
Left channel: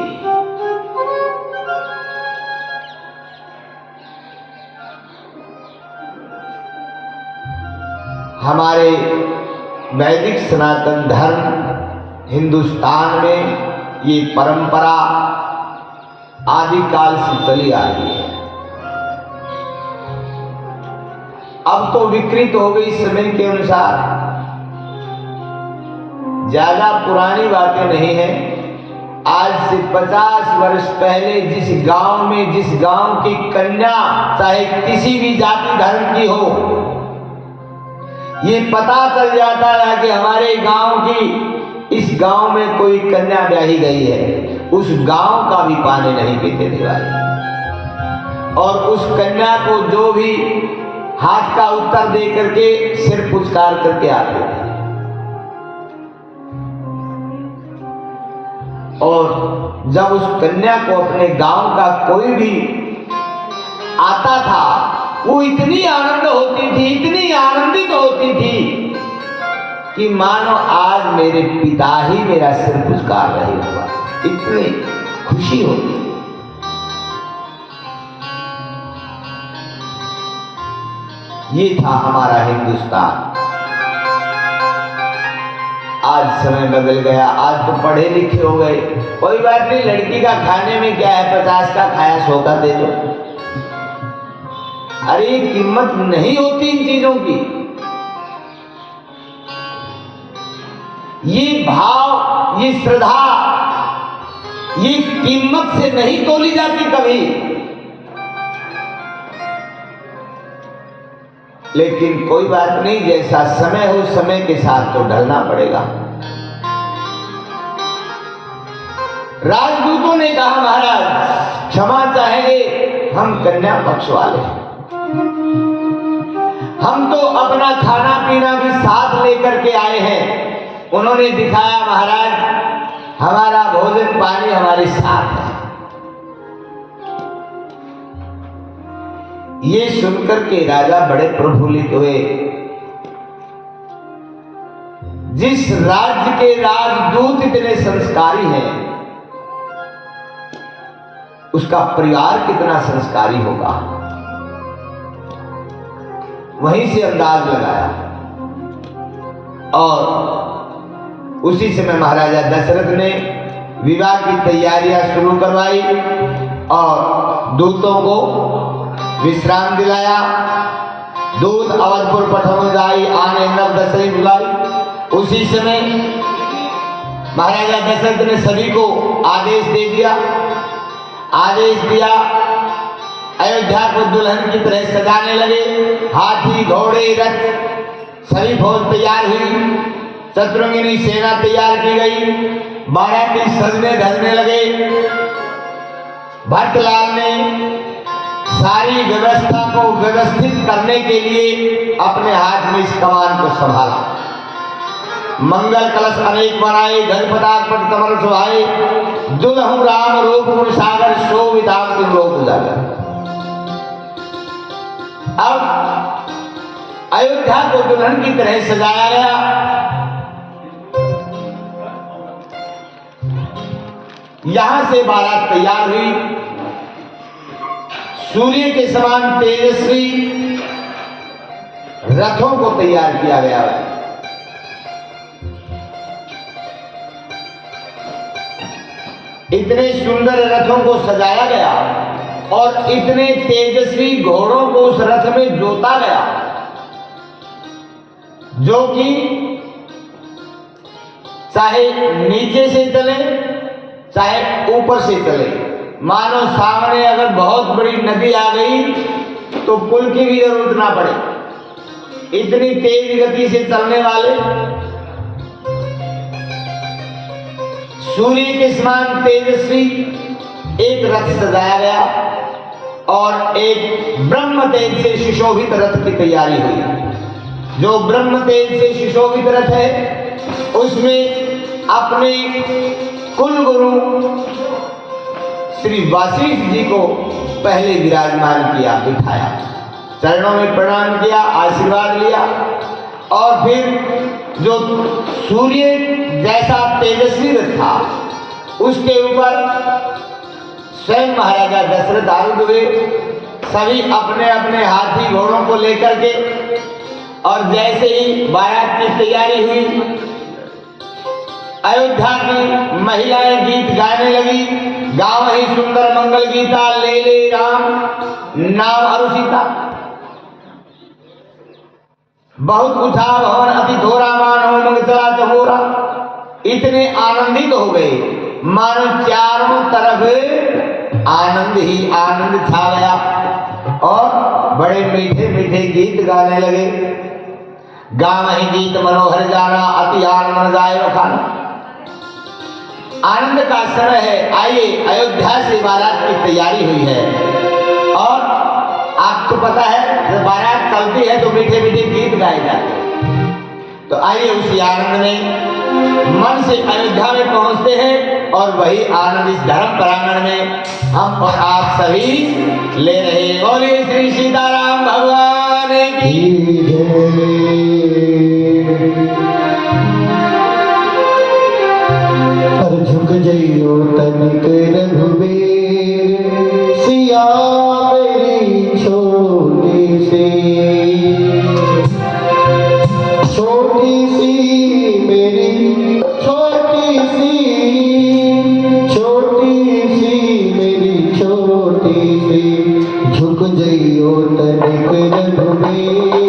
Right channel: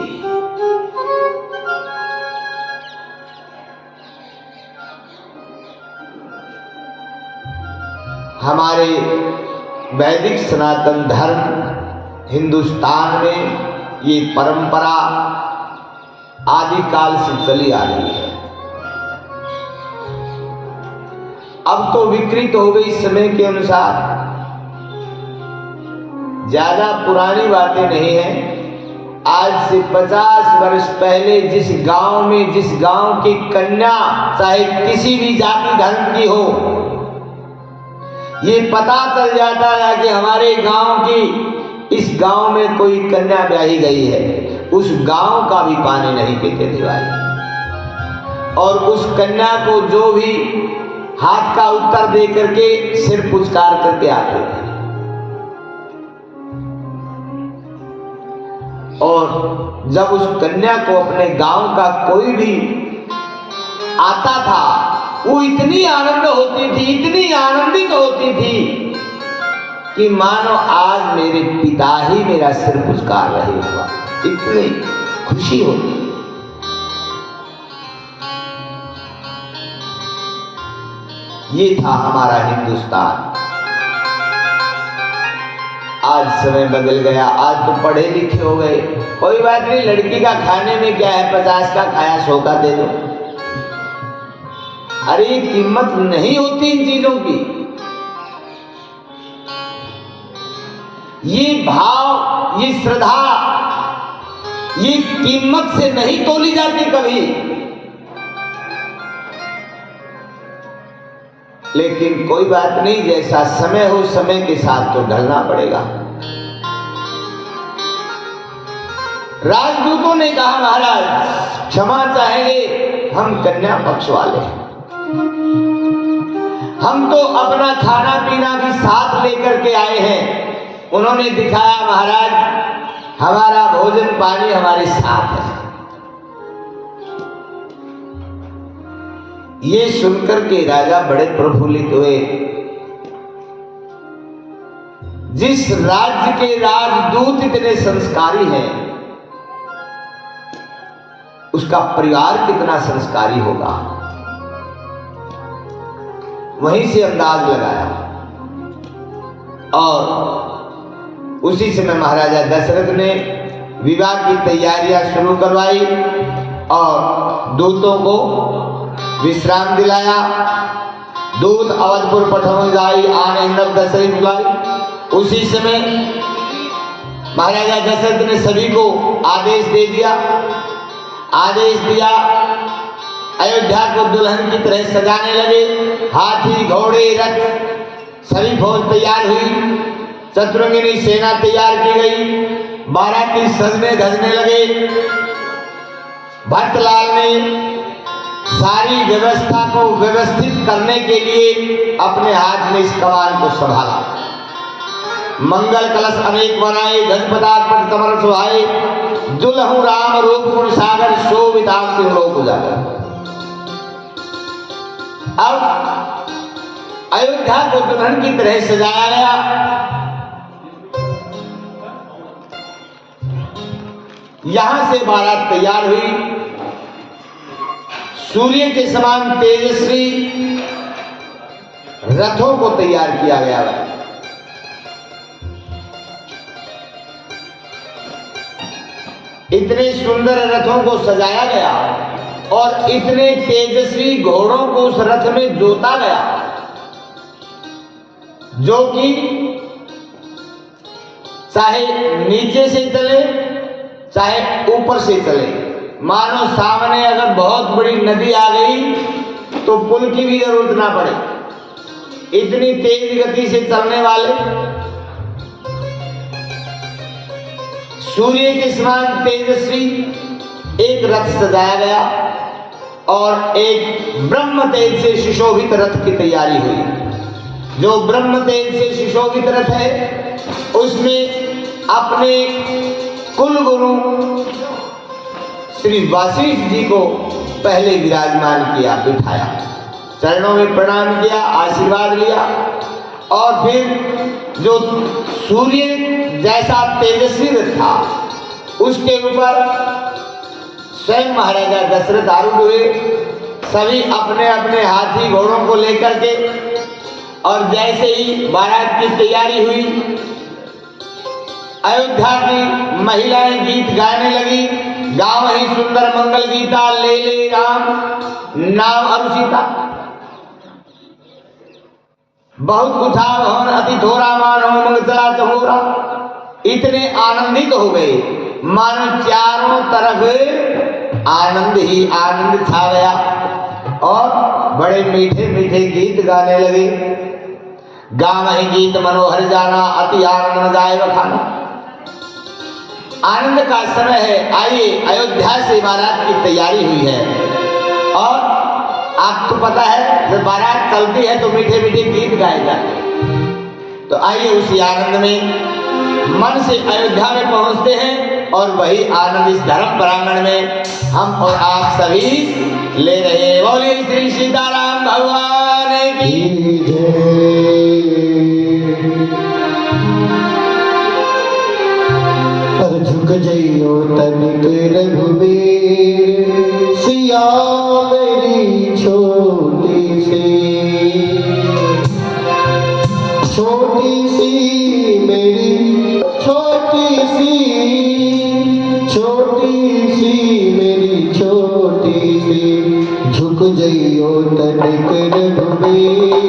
हमारे वैदिक सनातन धर्म हिंदुस्तान में ये परंपरा आदिकाल से चली आ रही है। अब तो विकृत हो गई समय के अनुसार, ज्यादा पुरानी बातें नहीं है। आज से 50 वर्ष पहले जिस गांव में, जिस गांव की कन्या चाहे किसी भी जाति धर्म की हो, ये पता चल जाता है कि हमारे गांव की इस गांव में कोई कन्या ब्याही गई है, उस गांव का भी पानी नहीं पीते थे भाई। और उस कन्या को जो भी हाथ का उत्तर दे करके सिर पुचकार करके आते थे। और जब उस कन्या को अपने गांव का कोई भी आता था, वो इतनी आनंद होती थी, इतनी आनंदित होती थी कि मानो आज मेरे पिता ही मेरा सिर पुचकार रहे हुआ, इतनी खुशी होती। ये था हमारा हिंदुस्तान। आज समय बदल गया, आज तो पढ़े लिखे हो गए, कोई बात नहीं, लड़की का खाने में क्या है, 50 का खाया 100 का दे दो। अरे कीमत नहीं होती इन चीजों की। ये भाव, ये श्रद्धा, ये कीमत से नहीं तोली जाती कभी। लेकिन कोई बात नहीं, जैसा समय हो समय के साथ तो ढलना पड़ेगा। राजदूतों ने कहा महाराज क्षमा चाहेंगे, हम कन्या पक्ष वाले हैं, हम तो अपना खाना पीना भी साथ लेकर के आए हैं। उन्होंने दिखाया महाराज हमारा भोजन पानी हमारे साथ है। ये सुनकर के राजा बड़े प्रफुल्लित हुए। जिस राज्य के राजदूत इतने संस्कारी हैं, उसका परिवार कितना संस्कारी होगा, वहीं से अंदाज लगाया। और उसी समय महाराजा दशरथ ने विवाह की तैयारियां शुरू करवाई और दूतों को विश्राम दिलाया। दूत अवधपुर पठन जाई आने नव दशरथ बुलाई। उसी समय महाराजा दशरथ ने सभी को आदेश दे दिया, आदेश दिया अयोध्या को दुल्हन की तरह सजाने लगे। हाथी घोड़े रथ सभी फौज तैयार हुई, शत्रुघ्नी सेना तैयार की गई, बाराती सजने धजने लगे। भट्टलाल ने सारी व्यवस्था को व्यवस्थित करने के लिए अपने हाथ में इस कमान को संभाला। मंगल कलश अनेक बनाए, गणपताक पट कमल सुहाए, दुल्हन राम रूप गुण सागर शोभिताम सिंह लोक उजागर। अब अयोध्या को दुल्हन की तरह सजाया गया। यहां से बारात तैयार हुई। सूर्य के समान तेजस्वी रथों को तैयार किया गया है। इतने सुंदर रथों को सजाया गया और इतने तेजस्वी घोड़ों को उस रथ में जोता गया, जो कि चाहे नीचे से चले चाहे ऊपर से चले। मानो सामने अगर बहुत बड़ी नदी आ गई तो पुल की भी जरूरत ना पड़े, इतनी तेज गति से चलने वाले सूर्य के समान तेजस्वी एक रथ सजाया गया और एक ब्रह्म तेज से सुशोभित रथ की तैयारी हुई। जो ब्रह्म तेज से सुशोभित रथ है उसमें अपने कुल गुरु श्री वशिष्ठ जी को पहले विराजमान किया, बिठाया, चरणों में प्रणाम किया, आशीर्वाद लिया और फिर जो सूर्य जैसा तेजस्वी रथ था उसके ऊपर स्वयं महाराजा दशरथ आरूढ़ हुए। सभी अपने अपने हाथी घोड़ों को लेकर के, और जैसे ही बारात की तैयारी हुई अयोध्या की महिलाएं गीत गाने लगी। गाँव ही सुंदर मंगल गीता ले ले राम नाम अरुषिता। बहुत उठा भवन अति थोरा मान हो मंगला चहोरा। इतने आनंदित हो गए मानो चारों तरफ आनंद ही आनंद छा गया और बड़े मीठे मीठे गीत गाने लगे। गाँव ही गीत मनोहर जाना अति आनंद जाए बखाना। आनंद का समय है। आइए, अयोध्या से बारात की तैयारी हुई है और आपको पता है जब बारात चलती है तो मीठे मीठे गीत गाए जाते हैं। तो आइए उसी आनंद में मन से अयोध्या में पहुंचते हैं और वही आनंद इस धर्म प्रांगण में हम और आप सभी ले रहे हैं। बोलिए श्री सीताराम भगवान की जय। झुक जइयो तनिक रघुबीर सिया मेरी छोटी सी मेरी छोटी सी मेरी छोटी सी झुक जइयो तनिक रघुबीर।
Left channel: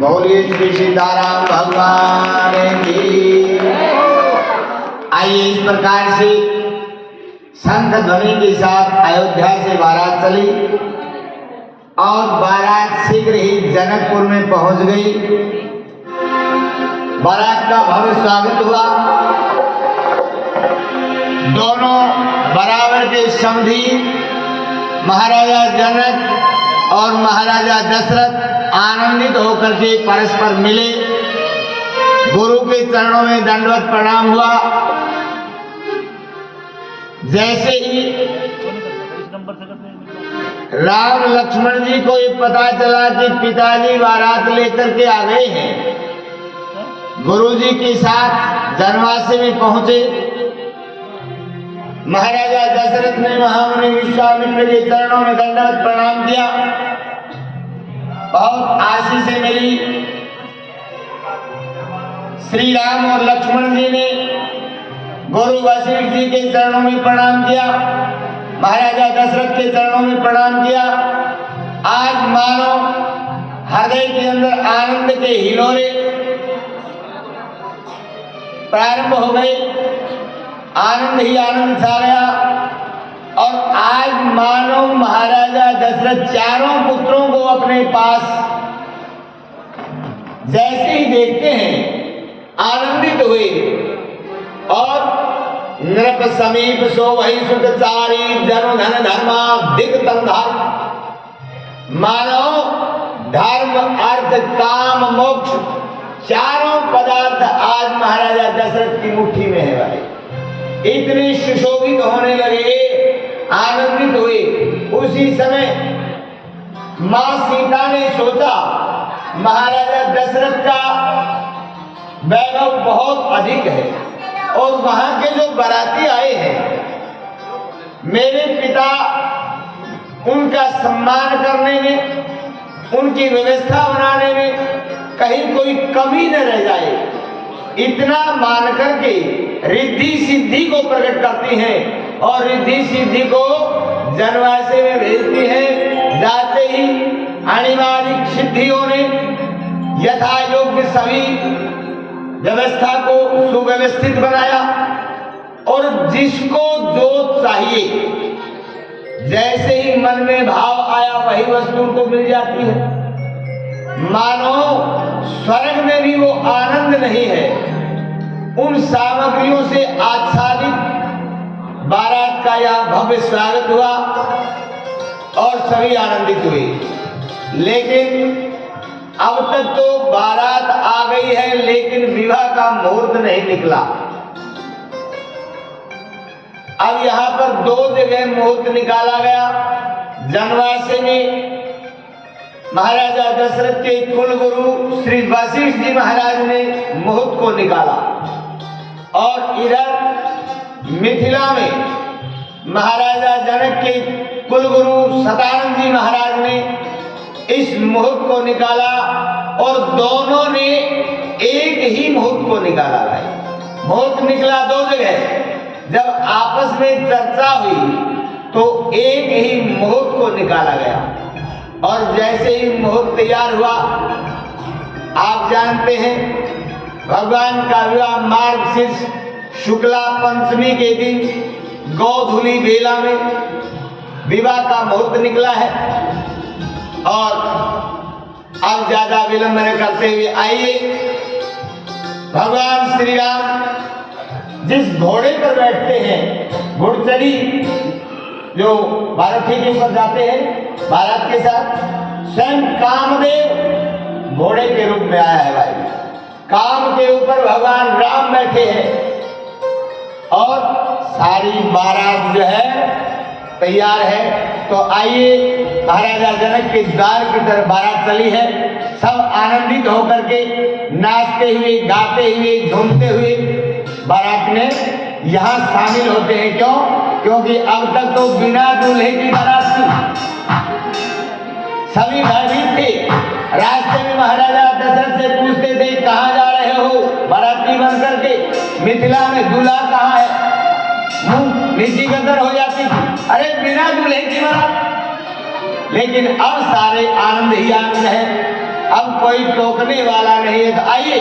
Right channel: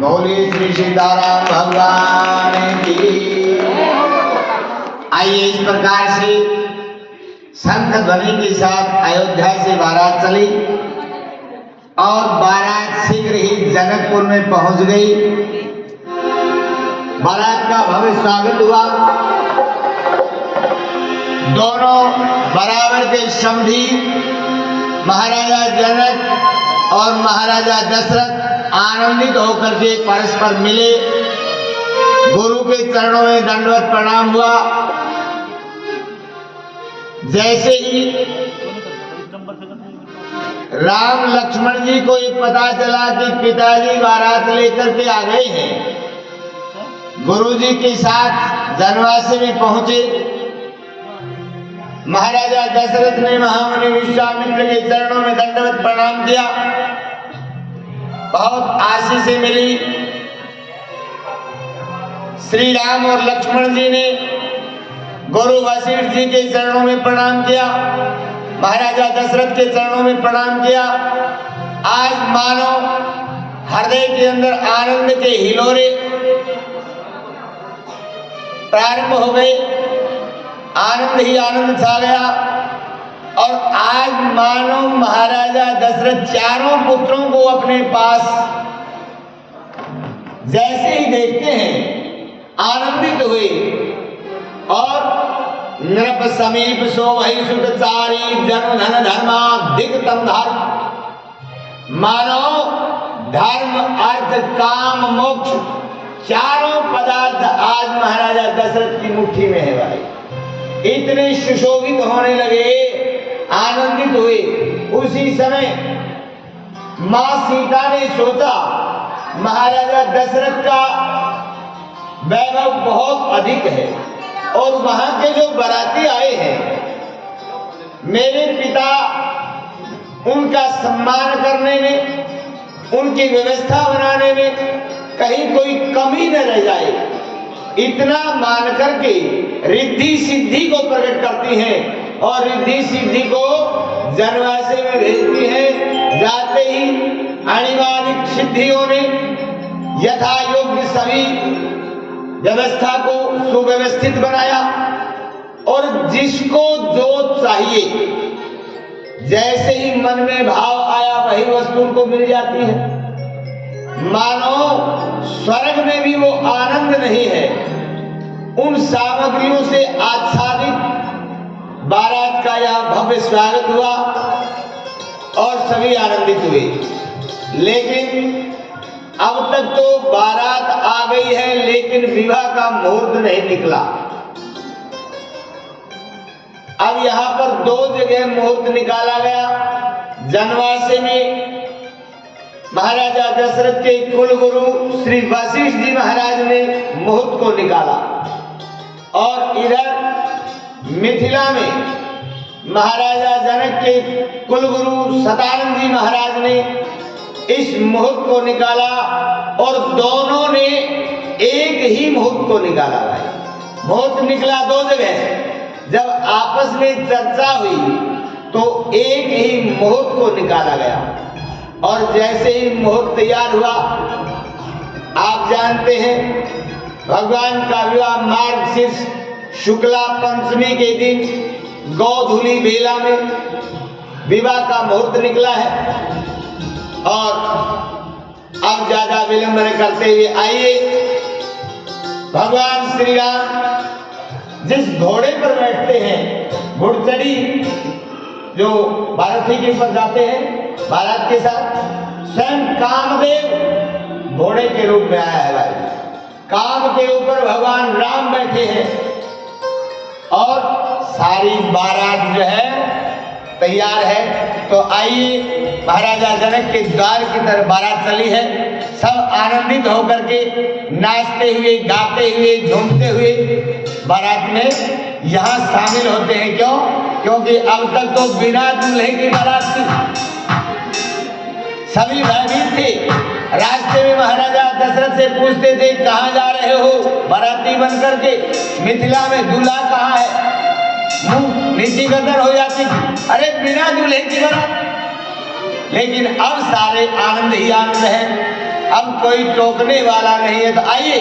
बोलिए श्री सीताराम भगवान की। आइए इस प्रकार से शंख ध्वनि के साथ अयोध्या से बारात चली और बारात शीघ्र ही जनकपुर में पहुंच गई। बारात का भव्य स्वागत हुआ। दोनों बराबर के समधी महाराजा जनक और महाराजा दशरथ आनंदित होकर के परस्पर मिले। गुरु के चरणों में दंडवत प्रणाम हुआ। जैसे ही राम लक्ष्मण जी को ये पता चला कि पिताजी बारात लेकर के आ गए हैं, गुरु जी के साथ जनवासी में पहुंचे। महाराजा दशरथ ने महामुनि विश्वामित्र के चरणों में दंडवत प्रणाम किया। बहुत आशीष मिली। श्री राम और लक्ष्मण जी ने गुरु वशिष्ठ जी के चरणों में प्रणाम किया, महाराजा दशरथ के चरणों में प्रणाम किया। आज मानो हृदय के अंदर आनंद के हिलोरे प्रारंभ हो गए। आनंद ही आनंद छा गया और आज मानो महाराजा दशरथ चारों पुत्रों को अपने पास जैसे ही देखते हैं आनंदित हुए। और नृप समीप सो वही सुखचारी जन धन धर्मा दिग्तम धर्म। मानो धर्म अर्थ काम मोक्ष चारों पदार्थ आज महाराजा दशरथ की मुट्ठी में है भाई। इतने सुशोभित होने लगे, आनंदित हुए। उसी समय मां सीता ने सोचा महाराजा दशरथ का वैभव बहुत अधिक है और वहां के जो बाराती आए हैं, मेरे पिता उनका सम्मान करने में, उनकी व्यवस्था बनाने में कहीं कोई कमी न रह जाए, इतना मान करके रिद्धि सिद्धि को प्रकट करती हैं और रिद्धि सिद्धि को जनवासे में भेजती हैं। जाते ही अनिवार्य सिद्धियों ने यथा योग्य सभी व्यवस्था को सुव्यवस्थित बनाया और जिसको जो चाहिए जैसे ही मन में भाव आया वही वस्तु उनको मिल जाती है। मानो स्वर्ग में भी वो आनंद नहीं है। उन सामग्रियों से आच्छादित बारात का यह भव्य स्वागत हुआ और सभी आनंदित हुए। लेकिन अब तक तो बारात आ गई है लेकिन विवाह का मुहूर्त नहीं निकला। अब यहाँ पर दो जगह मुहूर्त निकाला गया। जनवासे में महाराजा दशरथ के कुलगुरु श्री वशिष्ठ जी महाराज ने मुहूर्त को निकाला और इधर मिथिला में महाराजा जनक के कुलगुरु सदानंद जी महाराज ने इस मुहूर्त को निकाला और दोनों ने एक ही मुहूर्त को निकाला भाई। मुहूर्त निकला दो जगह। जब आपस में चर्चा हुई तो एक ही मुहूर्त को निकाला गया और जैसे ही मुहूर्त तैयार हुआ, आप जानते हैं भगवान का विवाह मार्गशीर्ष शुक्ला पंचमी के दिन गोधूली बेला में विवाह का मुहूर्त निकला है। और अब ज्यादा विलंब न करते हुए आइए भगवान श्री राम जिस घोड़े पर बैठते हैं, घुड़चड़ी जो भारती के ऊपर जाते हैं, बारात के साथ स्वयं कामदेव घोड़े के रूप में आया है भाई। काम के ऊपर भगवान राम बैठे हैं और सारी बारात जो है तैयार है। तो आइए, महाराजा जनक के द्वार की तरफ बारात चली है। सब आनंदित होकर के नाचते हुए, गाते हुए, झूमते हुए बारात में यहाँ शामिल होते हैं। क्यों? क्योंकि अब तक तो बिना दूल्हे की बारात थी, सभी भयभीत थे। रास्ते में महाराजा दशरथ से पूछते थे कहाँ जा रहे हो बाराती बन करके, मिथिला में दूल्हा कहाँ है, मुंह नीति गदर हो जाती थी, अरे बिना दूल्हे की बारात। लेकिन अब सारे आनंद ही आनंद है, अब कोई टोकने वाला नहीं है। तो आइए,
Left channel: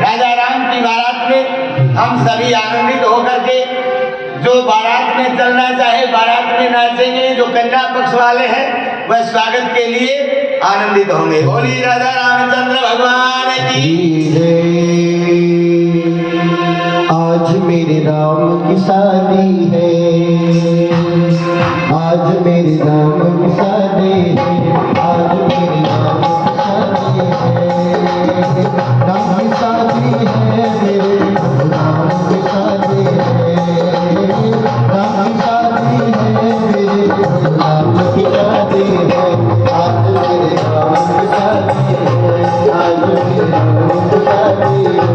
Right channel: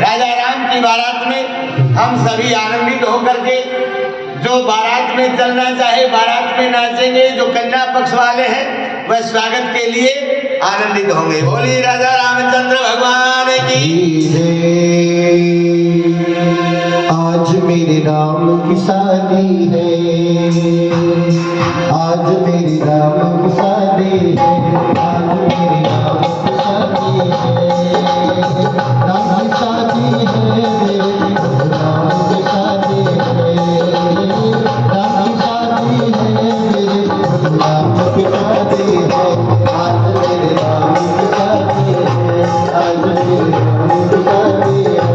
राजा राम की बारात में हम सभी आनंदित होकर के, जो बारात में चलना चाहे बारात में नाचेंगे, जो कन्या पक्ष वाले हैं वह स्वागत के लिए आनंदित होंगे। बोलिए राजा रामचंद्र भगवान की। आज मेरे राम की शादी है, आज मेरे राम की शादी है, आज मेरे राम की शादी है, राम की शादी है, मेरे राम की शादी है, राम की शादी है, मेरे राम की शादी है, आज मेरे राम की शादी है, आज मेरे राम की शादी है।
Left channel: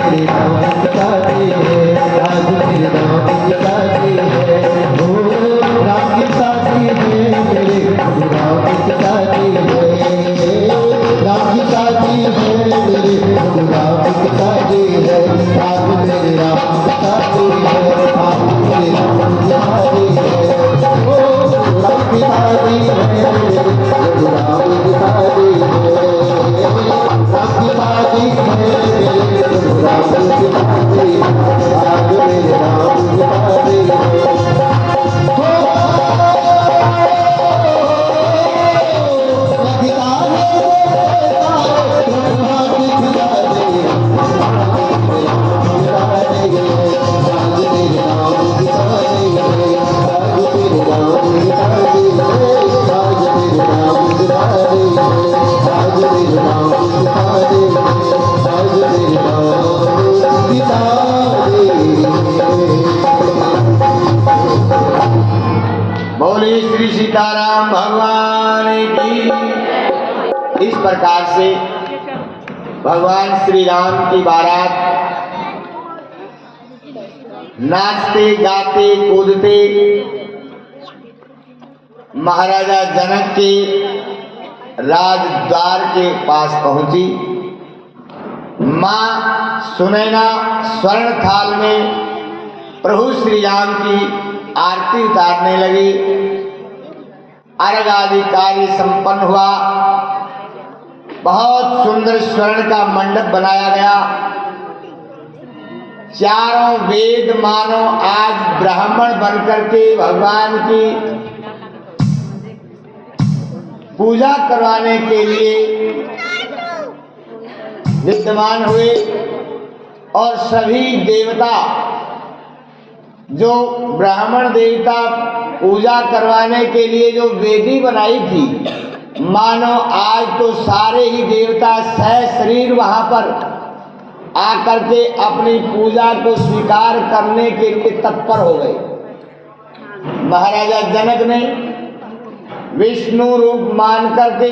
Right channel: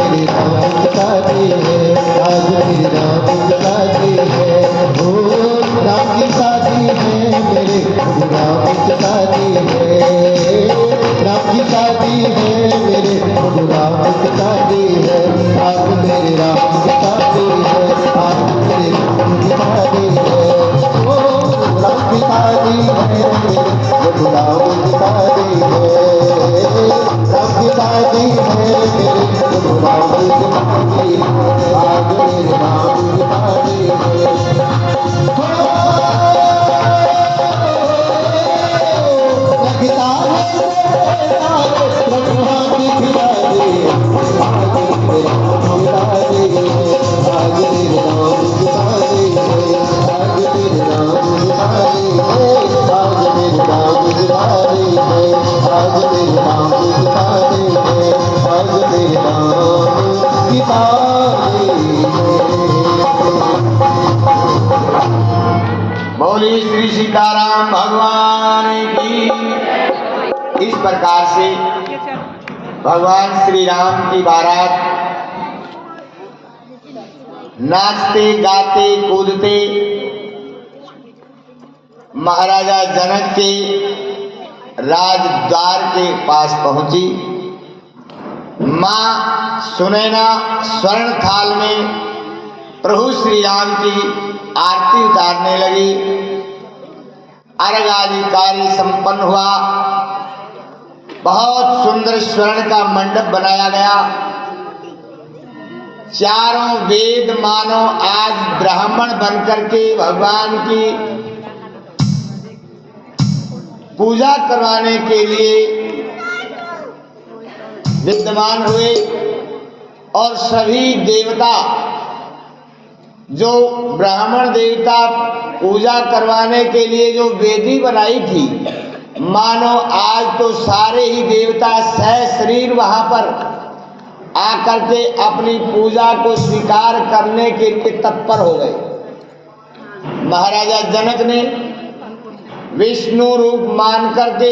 मेरे राम की शादी है, आज मेरे राम की शादी है, हो राम की शादी है, मेरे राम की शादी है, राम की शादी है, मेरे राम की शादी है, आज मेरे राम की शादी है, आज मेरे राम की शादी है, हो राम की शादी है, मेरे राम की शादी है, राम की शादी है, मेरे राम की शादी है, आज मेरे राम की शादी है। बोले श्री सीताराम भगवान की। इस प्रकार से भगवान श्री राम की बारात नाचते गाते कूदते महाराजा जनक के राजद्वार के पास पहुंची। मां सुनैना स्वर्ण थाल में प्रभु श्री राम की आरती उतारने लगी। अर्घ आदि कार्य संपन्न हुआ। बहुत सुंदर स्वर्ण का मंडप बनाया गया। चारों वेद मानो आज ब्राह्मण बनकर के भगवान की पूजा करवाने के लिए विद्यमान हुए और सभी देवता जो ब्राह्मण देवता पूजा करवाने के लिए जो वेदी बनाई थी, मानो आज तो सारे ही देवता सशरीर वहां पर आकर के अपनी पूजा को स्वीकार करने के लिए तत्पर हो गए। महाराजा जनक ने विष्णु रूप मान करके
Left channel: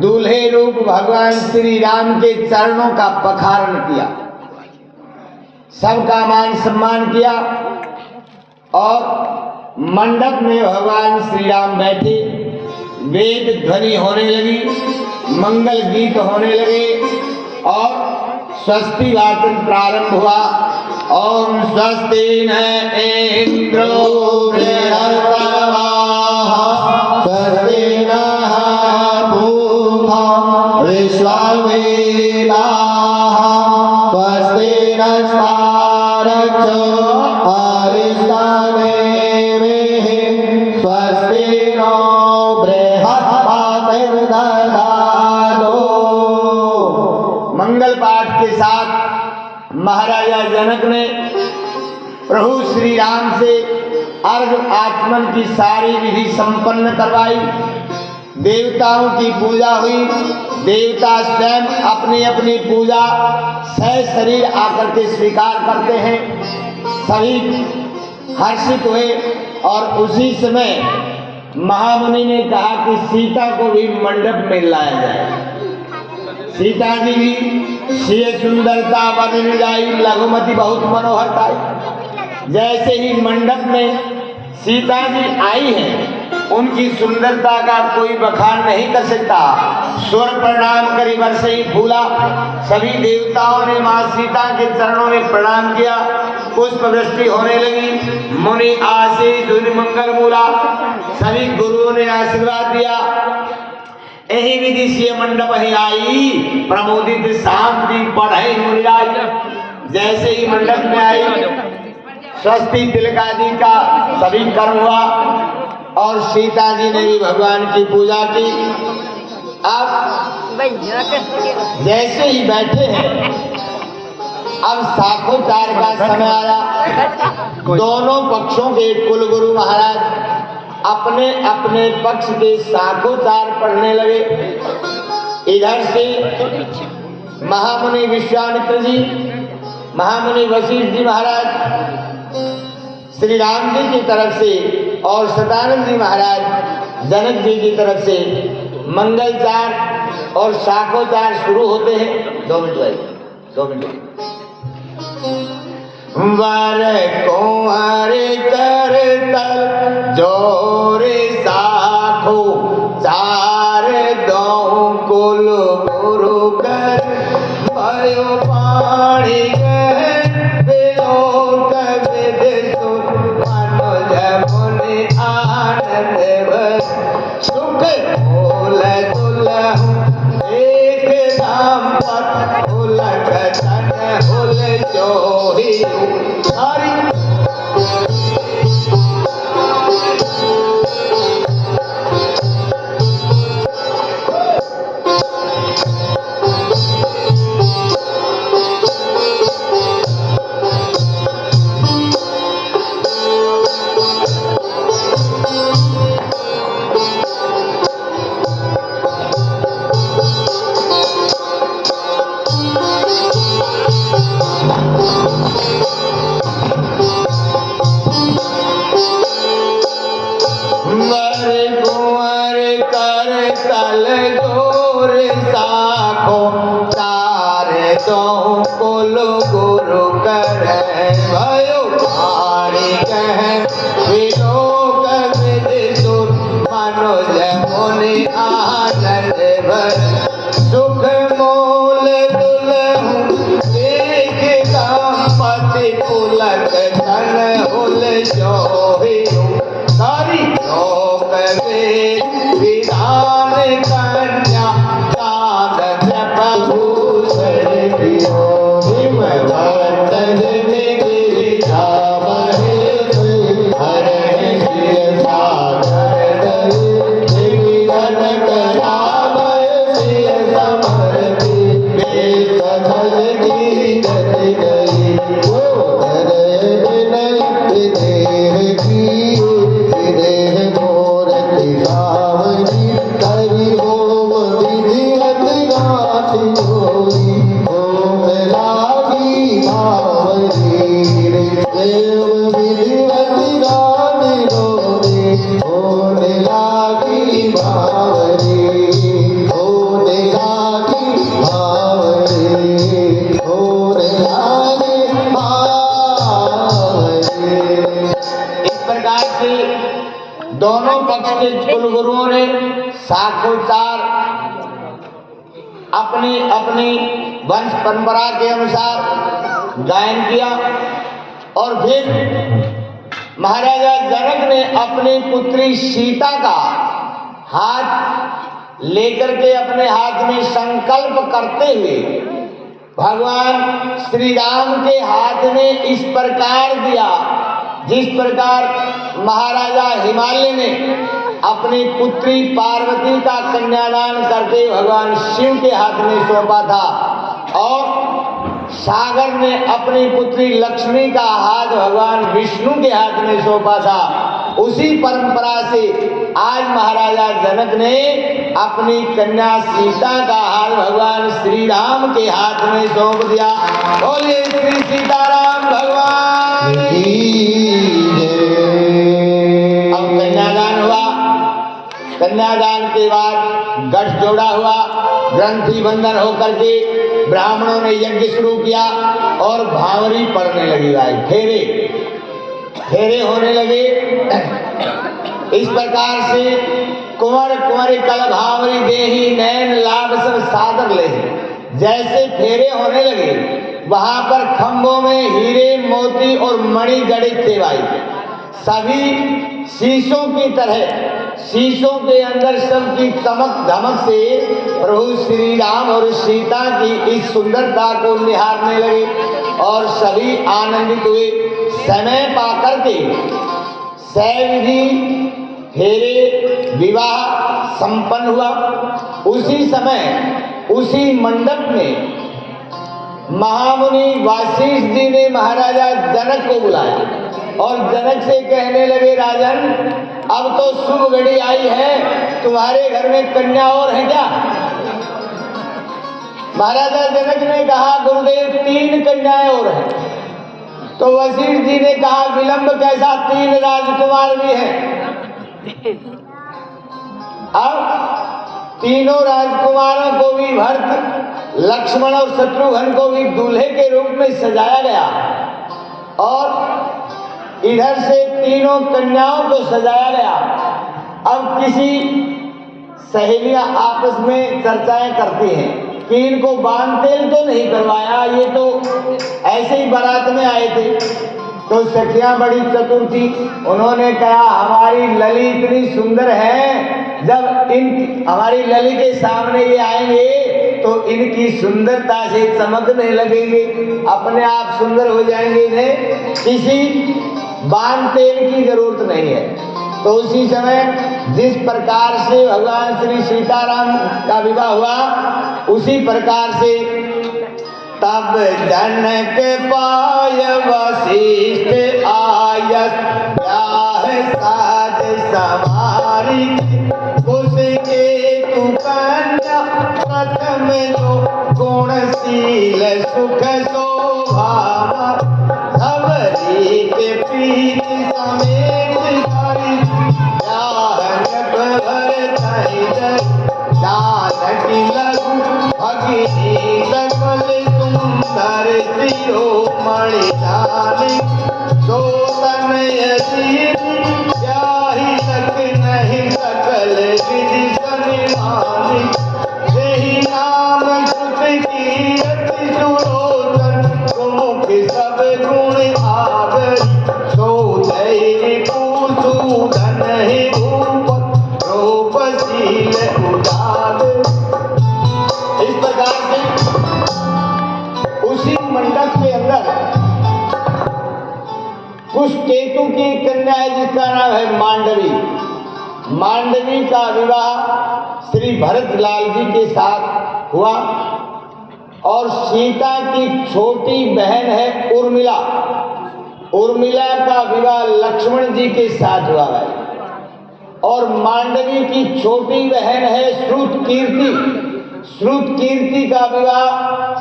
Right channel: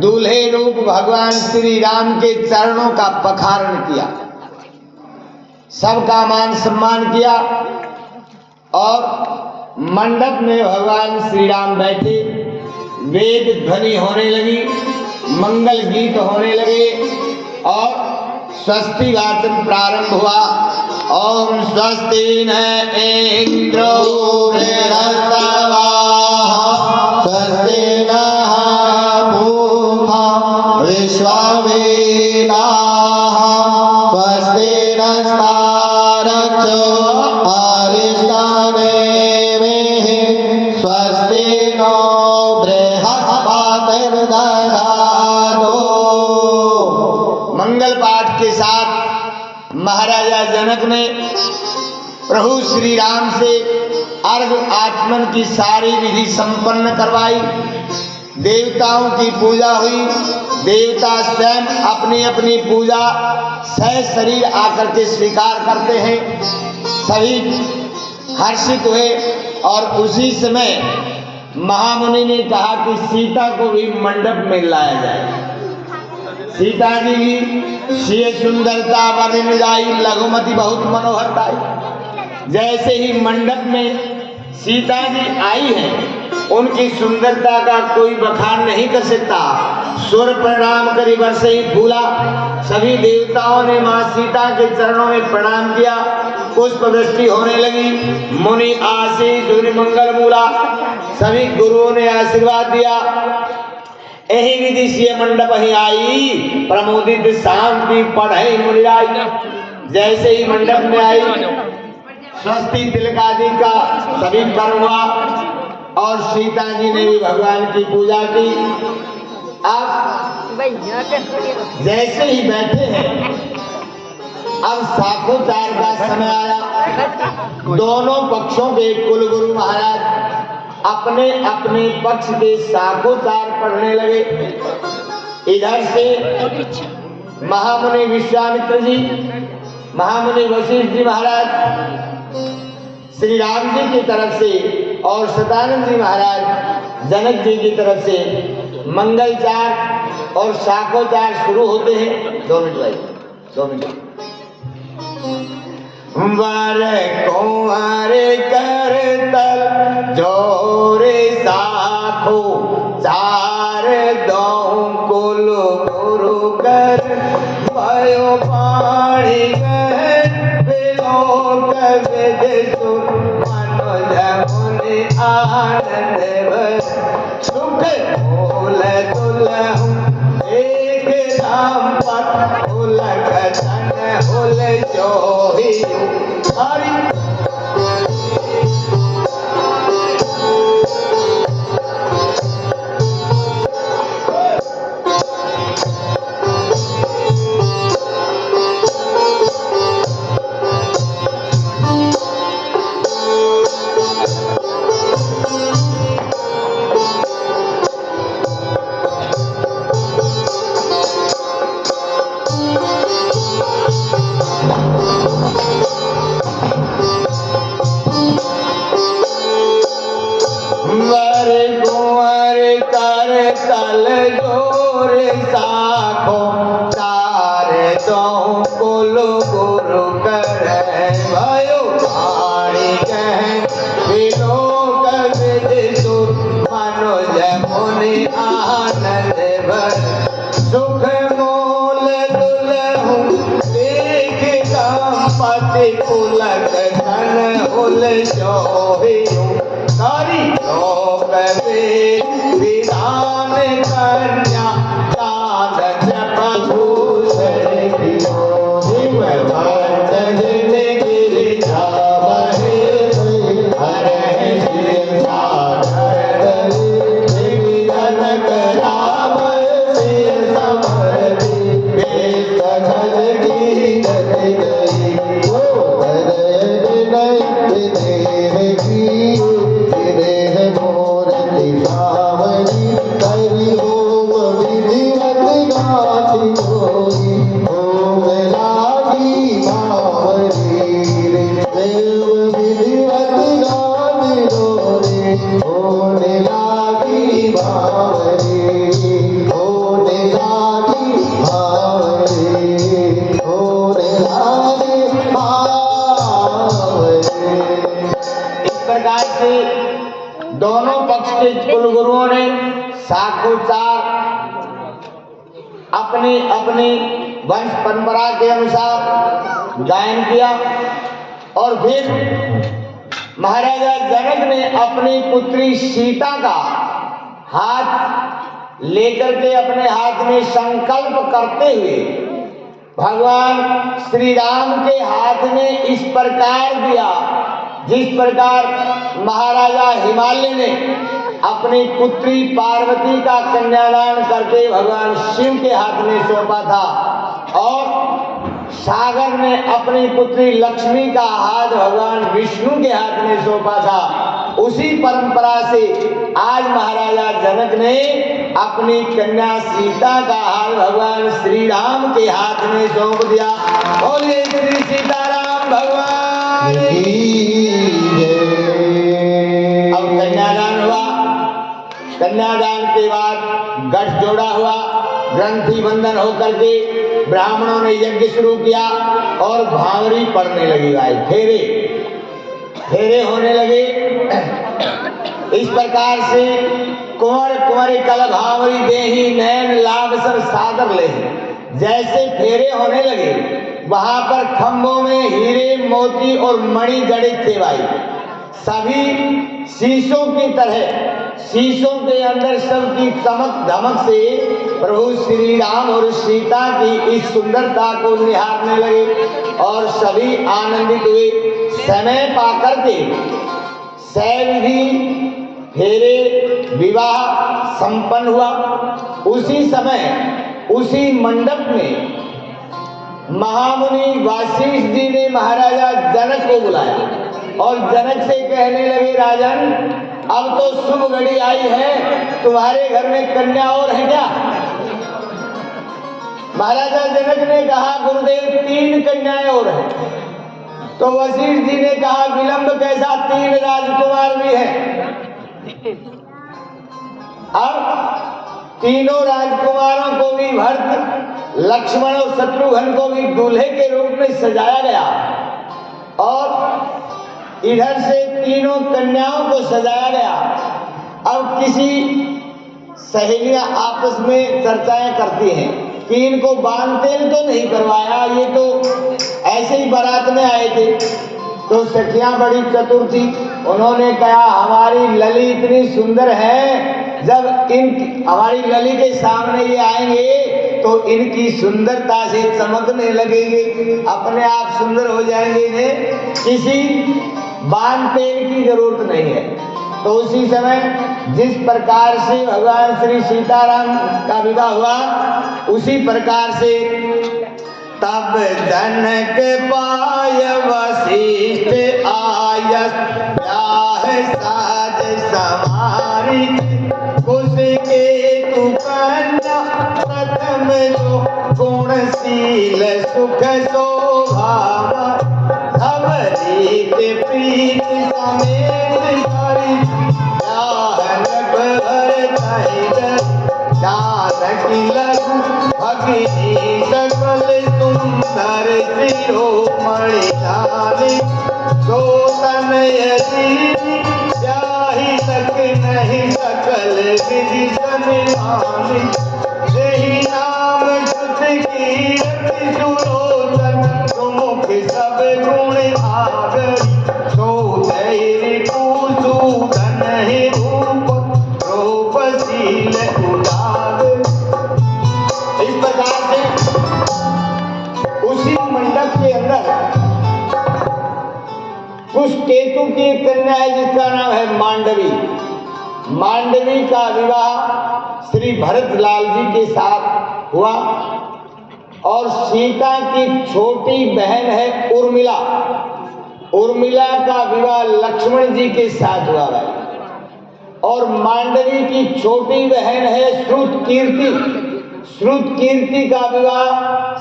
दूल्हे रूप भगवान श्री राम के चरणों का पखारण किया, सबका मान सम्मान किया और मंडप में भगवान श्री राम बैठे। वेद ध्वनि होने लगी, मंगल गीत होने लगे और स्वस्ति वाचन प्रारंभ हुआ। ओम स्वस्ति न इंद्रो बृहस्पतिः, स्वस्ति नः पूषा विश्ववेदाः, स्वस्ति नस्तार्क्ष्यो अरिष्टनेमिः, स्वस्ति नो मंगल पाठ के साथ महाराजा जनक ने प्रभु श्री राम से अर्घ आचमन की सारी विधि संपन्न करवाई। देवताओं की पूजा हुई। देवता स्वयं अपनी अपनी पूजा सशरीर आकर के स्वीकार करते हैं। सभी हर्षित हुए और उसी समय महामुनि ने कहा कि सीता को भी मंडप में लाया जाए। सीता जी भी श्री सुंदरता वर्णन गाई, लघुमती बहुत मनोहर पाई। जैसे ही मंडप में सीता जी आई है, उनकी सुंदरता का कोई बखान नहीं कर सकता। स्वर प्रणाम करी वर्ष ही फूला। सभी देवताओं ने मां सीता के चरणों में प्रणाम किया। पुष्प वृष्टि होने लगी। मुनि आशीष मंगल बोला। सभी गुरुओं ने आशीर्वाद दिया। यही विधि से मंडप ही आई, प्रमोदित शांति पढ़े मुनिराज। जैसे ही मंडप में आई, स्वस्ति तिलक आदि का सभी कर्म हुआ और सीता जी ने भी भगवान की पूजा की। अब जैसे ही बैठे हैं, अब साखोचार का समय आया। दोनों पक्षों के कुलगुरु महाराज अपने अपने पक्ष के साखोचार पढ़ने लगे। इधर से महामुनि विश्वामित्र जी, महामुनि वशिष्ठ जी महाराज श्री राम जी की तरफ से और सदानंद जी महाराज जनक जी की तरफ से मंगलचार और साखोचार शुरू होते हैं। 2 मिनट भाई, 2 मिनट। वर कुंवर कर तल जोरे साखो चार दो कुल गुरु कर भयो पाणी विलोक विदिशु मनुज मुनि आनंद भर सुख मूल दुलहु एक दाम्पत उलक तन उल जोहियु हरि वर कुंवर कर तल गोर साखो चार दो कुल गुरु कर भयो पाणी कह विलोक विदिशु मनुज मुनि आनंद भर सुख मूल दुलहु एक दंपति पुलक धन उल जोहियु सारी लोक वेद विधान कन्या दान प्रभु सरियो भक्तन में गिरिजा बहे हरे शिव सागर निगन कराव शिव समरति वेद सखल गीत गई ओ हरे विनय देव की देह मूर्ति सावरी हरि ओम विधिवत गाति जोई ओम लागी भावरी देव विधिवत गाति जोई ओम लागी भावरी ओम लागी भावरी ओम लागी भावरी। इस प्रकार से दोनों पक्ष के कुलगुरुओं ने साखोचार अपनी अपनी वंश परंपरा के अनुसार गायन किया और फिर महाराजा जनक ने अपनी पुत्री सीता का हाथ लेकर के अपने हाथ में संकल्प करते हुए भगवान श्री राम के हाथ में इस प्रकार दिया जिस प्रकार महाराजा हिमालय ने अपनी पुत्री पार्वती का कन्यादान करके भगवान शिव के हाथ में सौंपा था और सागर ने अपनी पुत्री लक्ष्मी का हाथ भगवान विष्णु के हाथ में सौंपा था। उसी परंपरा से आज महाराजा जनक ने अपनी कन्या सीता का हाथ भगवान श्री राम के हाथ में सौंप दिया। बोलिए श्री सीताराम भगवान की। अब कन्यादान हुआ। कन्यादान के बाद गठजोड़ा हुआ, ग्रंथि बंधन होकर के ब्राह्मणों ने यज्ञ शुरू किया और भावरी पड़ने लगी। भाई फेरे फेरे होने लगे। इस प्रकार से कुंवर कुंवर कल भावरी देही नैन लाभ सब सागर ले। जैसे फेरे होने लगे वहां पर खंभों में हीरे मोती और मणि जड़ित थे। भाई सभी शीशों की तरह, शीशों के अंदर सबकी चमक धमक से प्रभु श्री राम और सीता की इस सुंदरता को निहारने लगे और सभी आनंदित हुए। समय पाकर के सैविधि फेरे विवाह संपन्न हुआ। उसी समय उसी मंडप में महामुनि वासिष्ठ जी ने महाराजा जनक को बुलाया और जनक से कहने लगे, राजन अब तो शुभ घड़ी आई है, तुम्हारे घर में कन्या और है क्या? महाराजा जनक ने कहा, गुरुदेव 3 कन्याएं और हैं। तो वशिष्ठ जी ने कहा, विलंब कैसा, 3 राजकुमार भी हैं। अब तीनों राजकुमारों को भी भर्त लक्ष्मण और शत्रुघ्न को भी दूल्हे के रूप में सजाया गया और इधर से तीनों कन्याओं को सजाया गया। अब किसी सहेलियां आपस में चर्चाएं करती हैं कि इनको बांध तेल तो नहीं करवाया, ये तो ऐसे ही बारात में आए थे। तो सखियां बड़ी चतुर थी, उन्होंने कहा हमारी लली इतनी सुंदर है, जब इन हमारी लली के सामने ये आएंगे तो इनकी सुंदरता से चमकने लगेंगे, अपने आप सुंदर हो जाएंगे, इन्हें किसी बांध तेल की जरूरत नहीं है। तो उसी समय जिस प्रकार से भगवान श्री सीताराम का विवाह हुआ, उसी प्रकार से तब जनक पाय वशिष्ठ आयस, ब्याह साज सवारी कुश के तु कन्या, प्रथम जो गुणशील सुख शोभा, धवरी के प्रीत समेत धरी, ब्याहन भरतहि जानकी लघु, भगिनी सकल सुंदर शिरोमणि जानी, सोतनय जीवी ब्याहि तक नहीं सकल विधि सनिधानी, यही नाम श्रुति कीरति सुलोचन, सुमुख सब गुण आगरी, सोधैर्य कुसूदन ही रूप, रूपशील उजागर। इस प्रकार से उसी मंडप के अंदर कुछ केतु की एक कन्या है जिसका नाम है मांडवी। मांडवी का विवाह श्री भरतलाल जी के साथ हुआ और सीता की छोटी बहन है उर्मिला, उर्मिला का विवाह लक्ष्मण जी के साथ हुआ है। और मांडवी की छोटी बहन है श्रुतकीर्ति, श्रुतकीर्ति का विवाह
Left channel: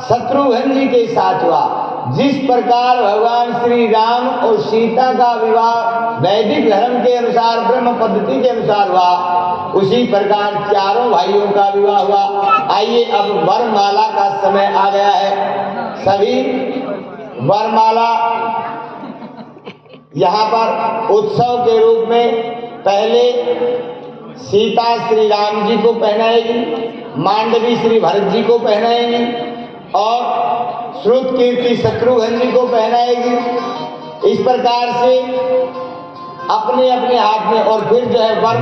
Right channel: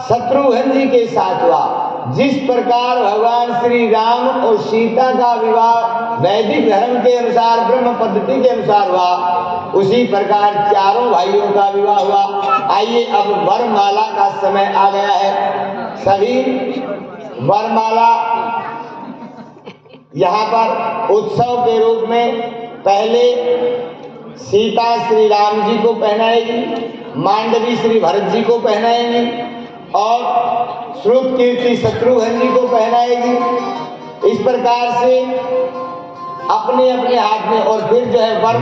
शत्रुघ्न जी के साथ हुआ। जिस प्रकार भगवान श्री राम और सीता का विवाह वैदिक धर्म के अनुसार, ब्रह्म पद्धति के अनुसार हुआ, उसी प्रकार चारों भाइयों का विवाह हुआ। आइए अब वरमाला का समय आ गया है। सभी वरमाला यहाँ पर उत्सव के रूप में पहले सीता श्री राम जी को पहनाएगी, मांडवी श्री भरत जी को पहनाएंगी और श्रुतकीर्ति शत्रुघ्न जी को पहनाएगी। इस प्रकार से अपने अपने हाथ में, और फिर जो है वर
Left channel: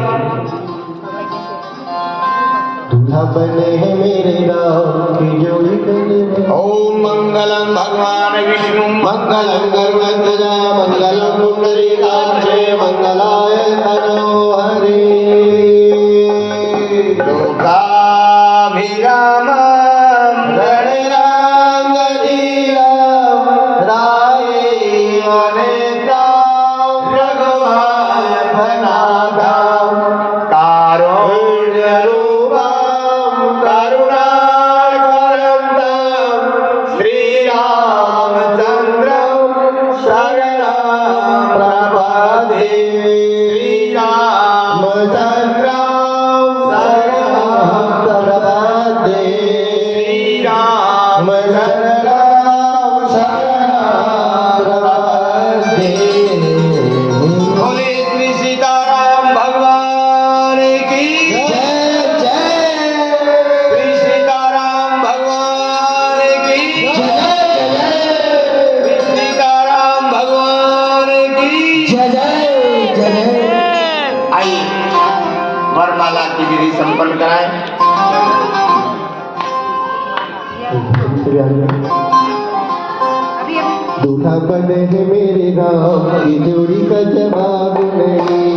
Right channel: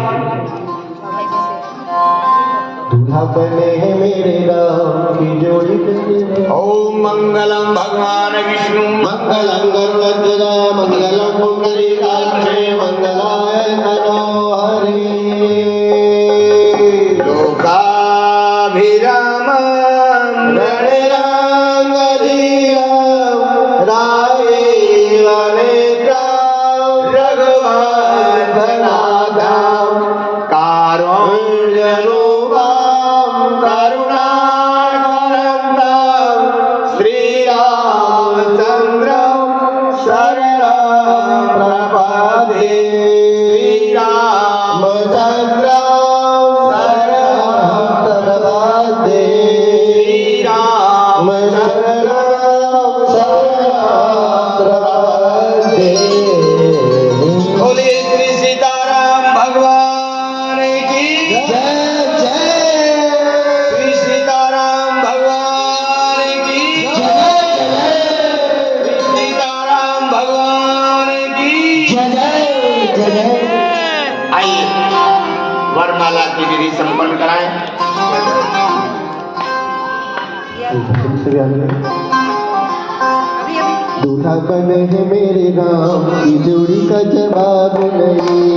दूल्हा बने हैं मेरे राम की जोड़ी बने। ओम मंगलम भगवान विष्णु, मंगलम गरुड़ध्वज, मंगलम पुंडरीकाक्ष, मंगलाय मनोहरि। लोकाभिराम दूल्हा बने हैं मेरे राम की जोड़ी का जवाब नहीं।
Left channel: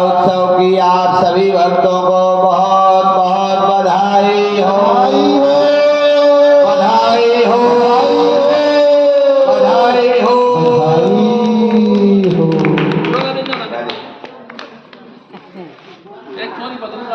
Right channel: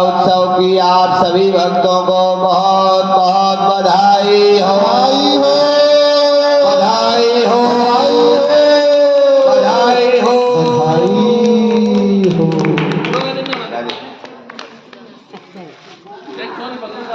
उत्सव की आप सभी भक्तों को बहुत बहुत बधाई हो। बधाई हो, बधाई हो, बधाई हो।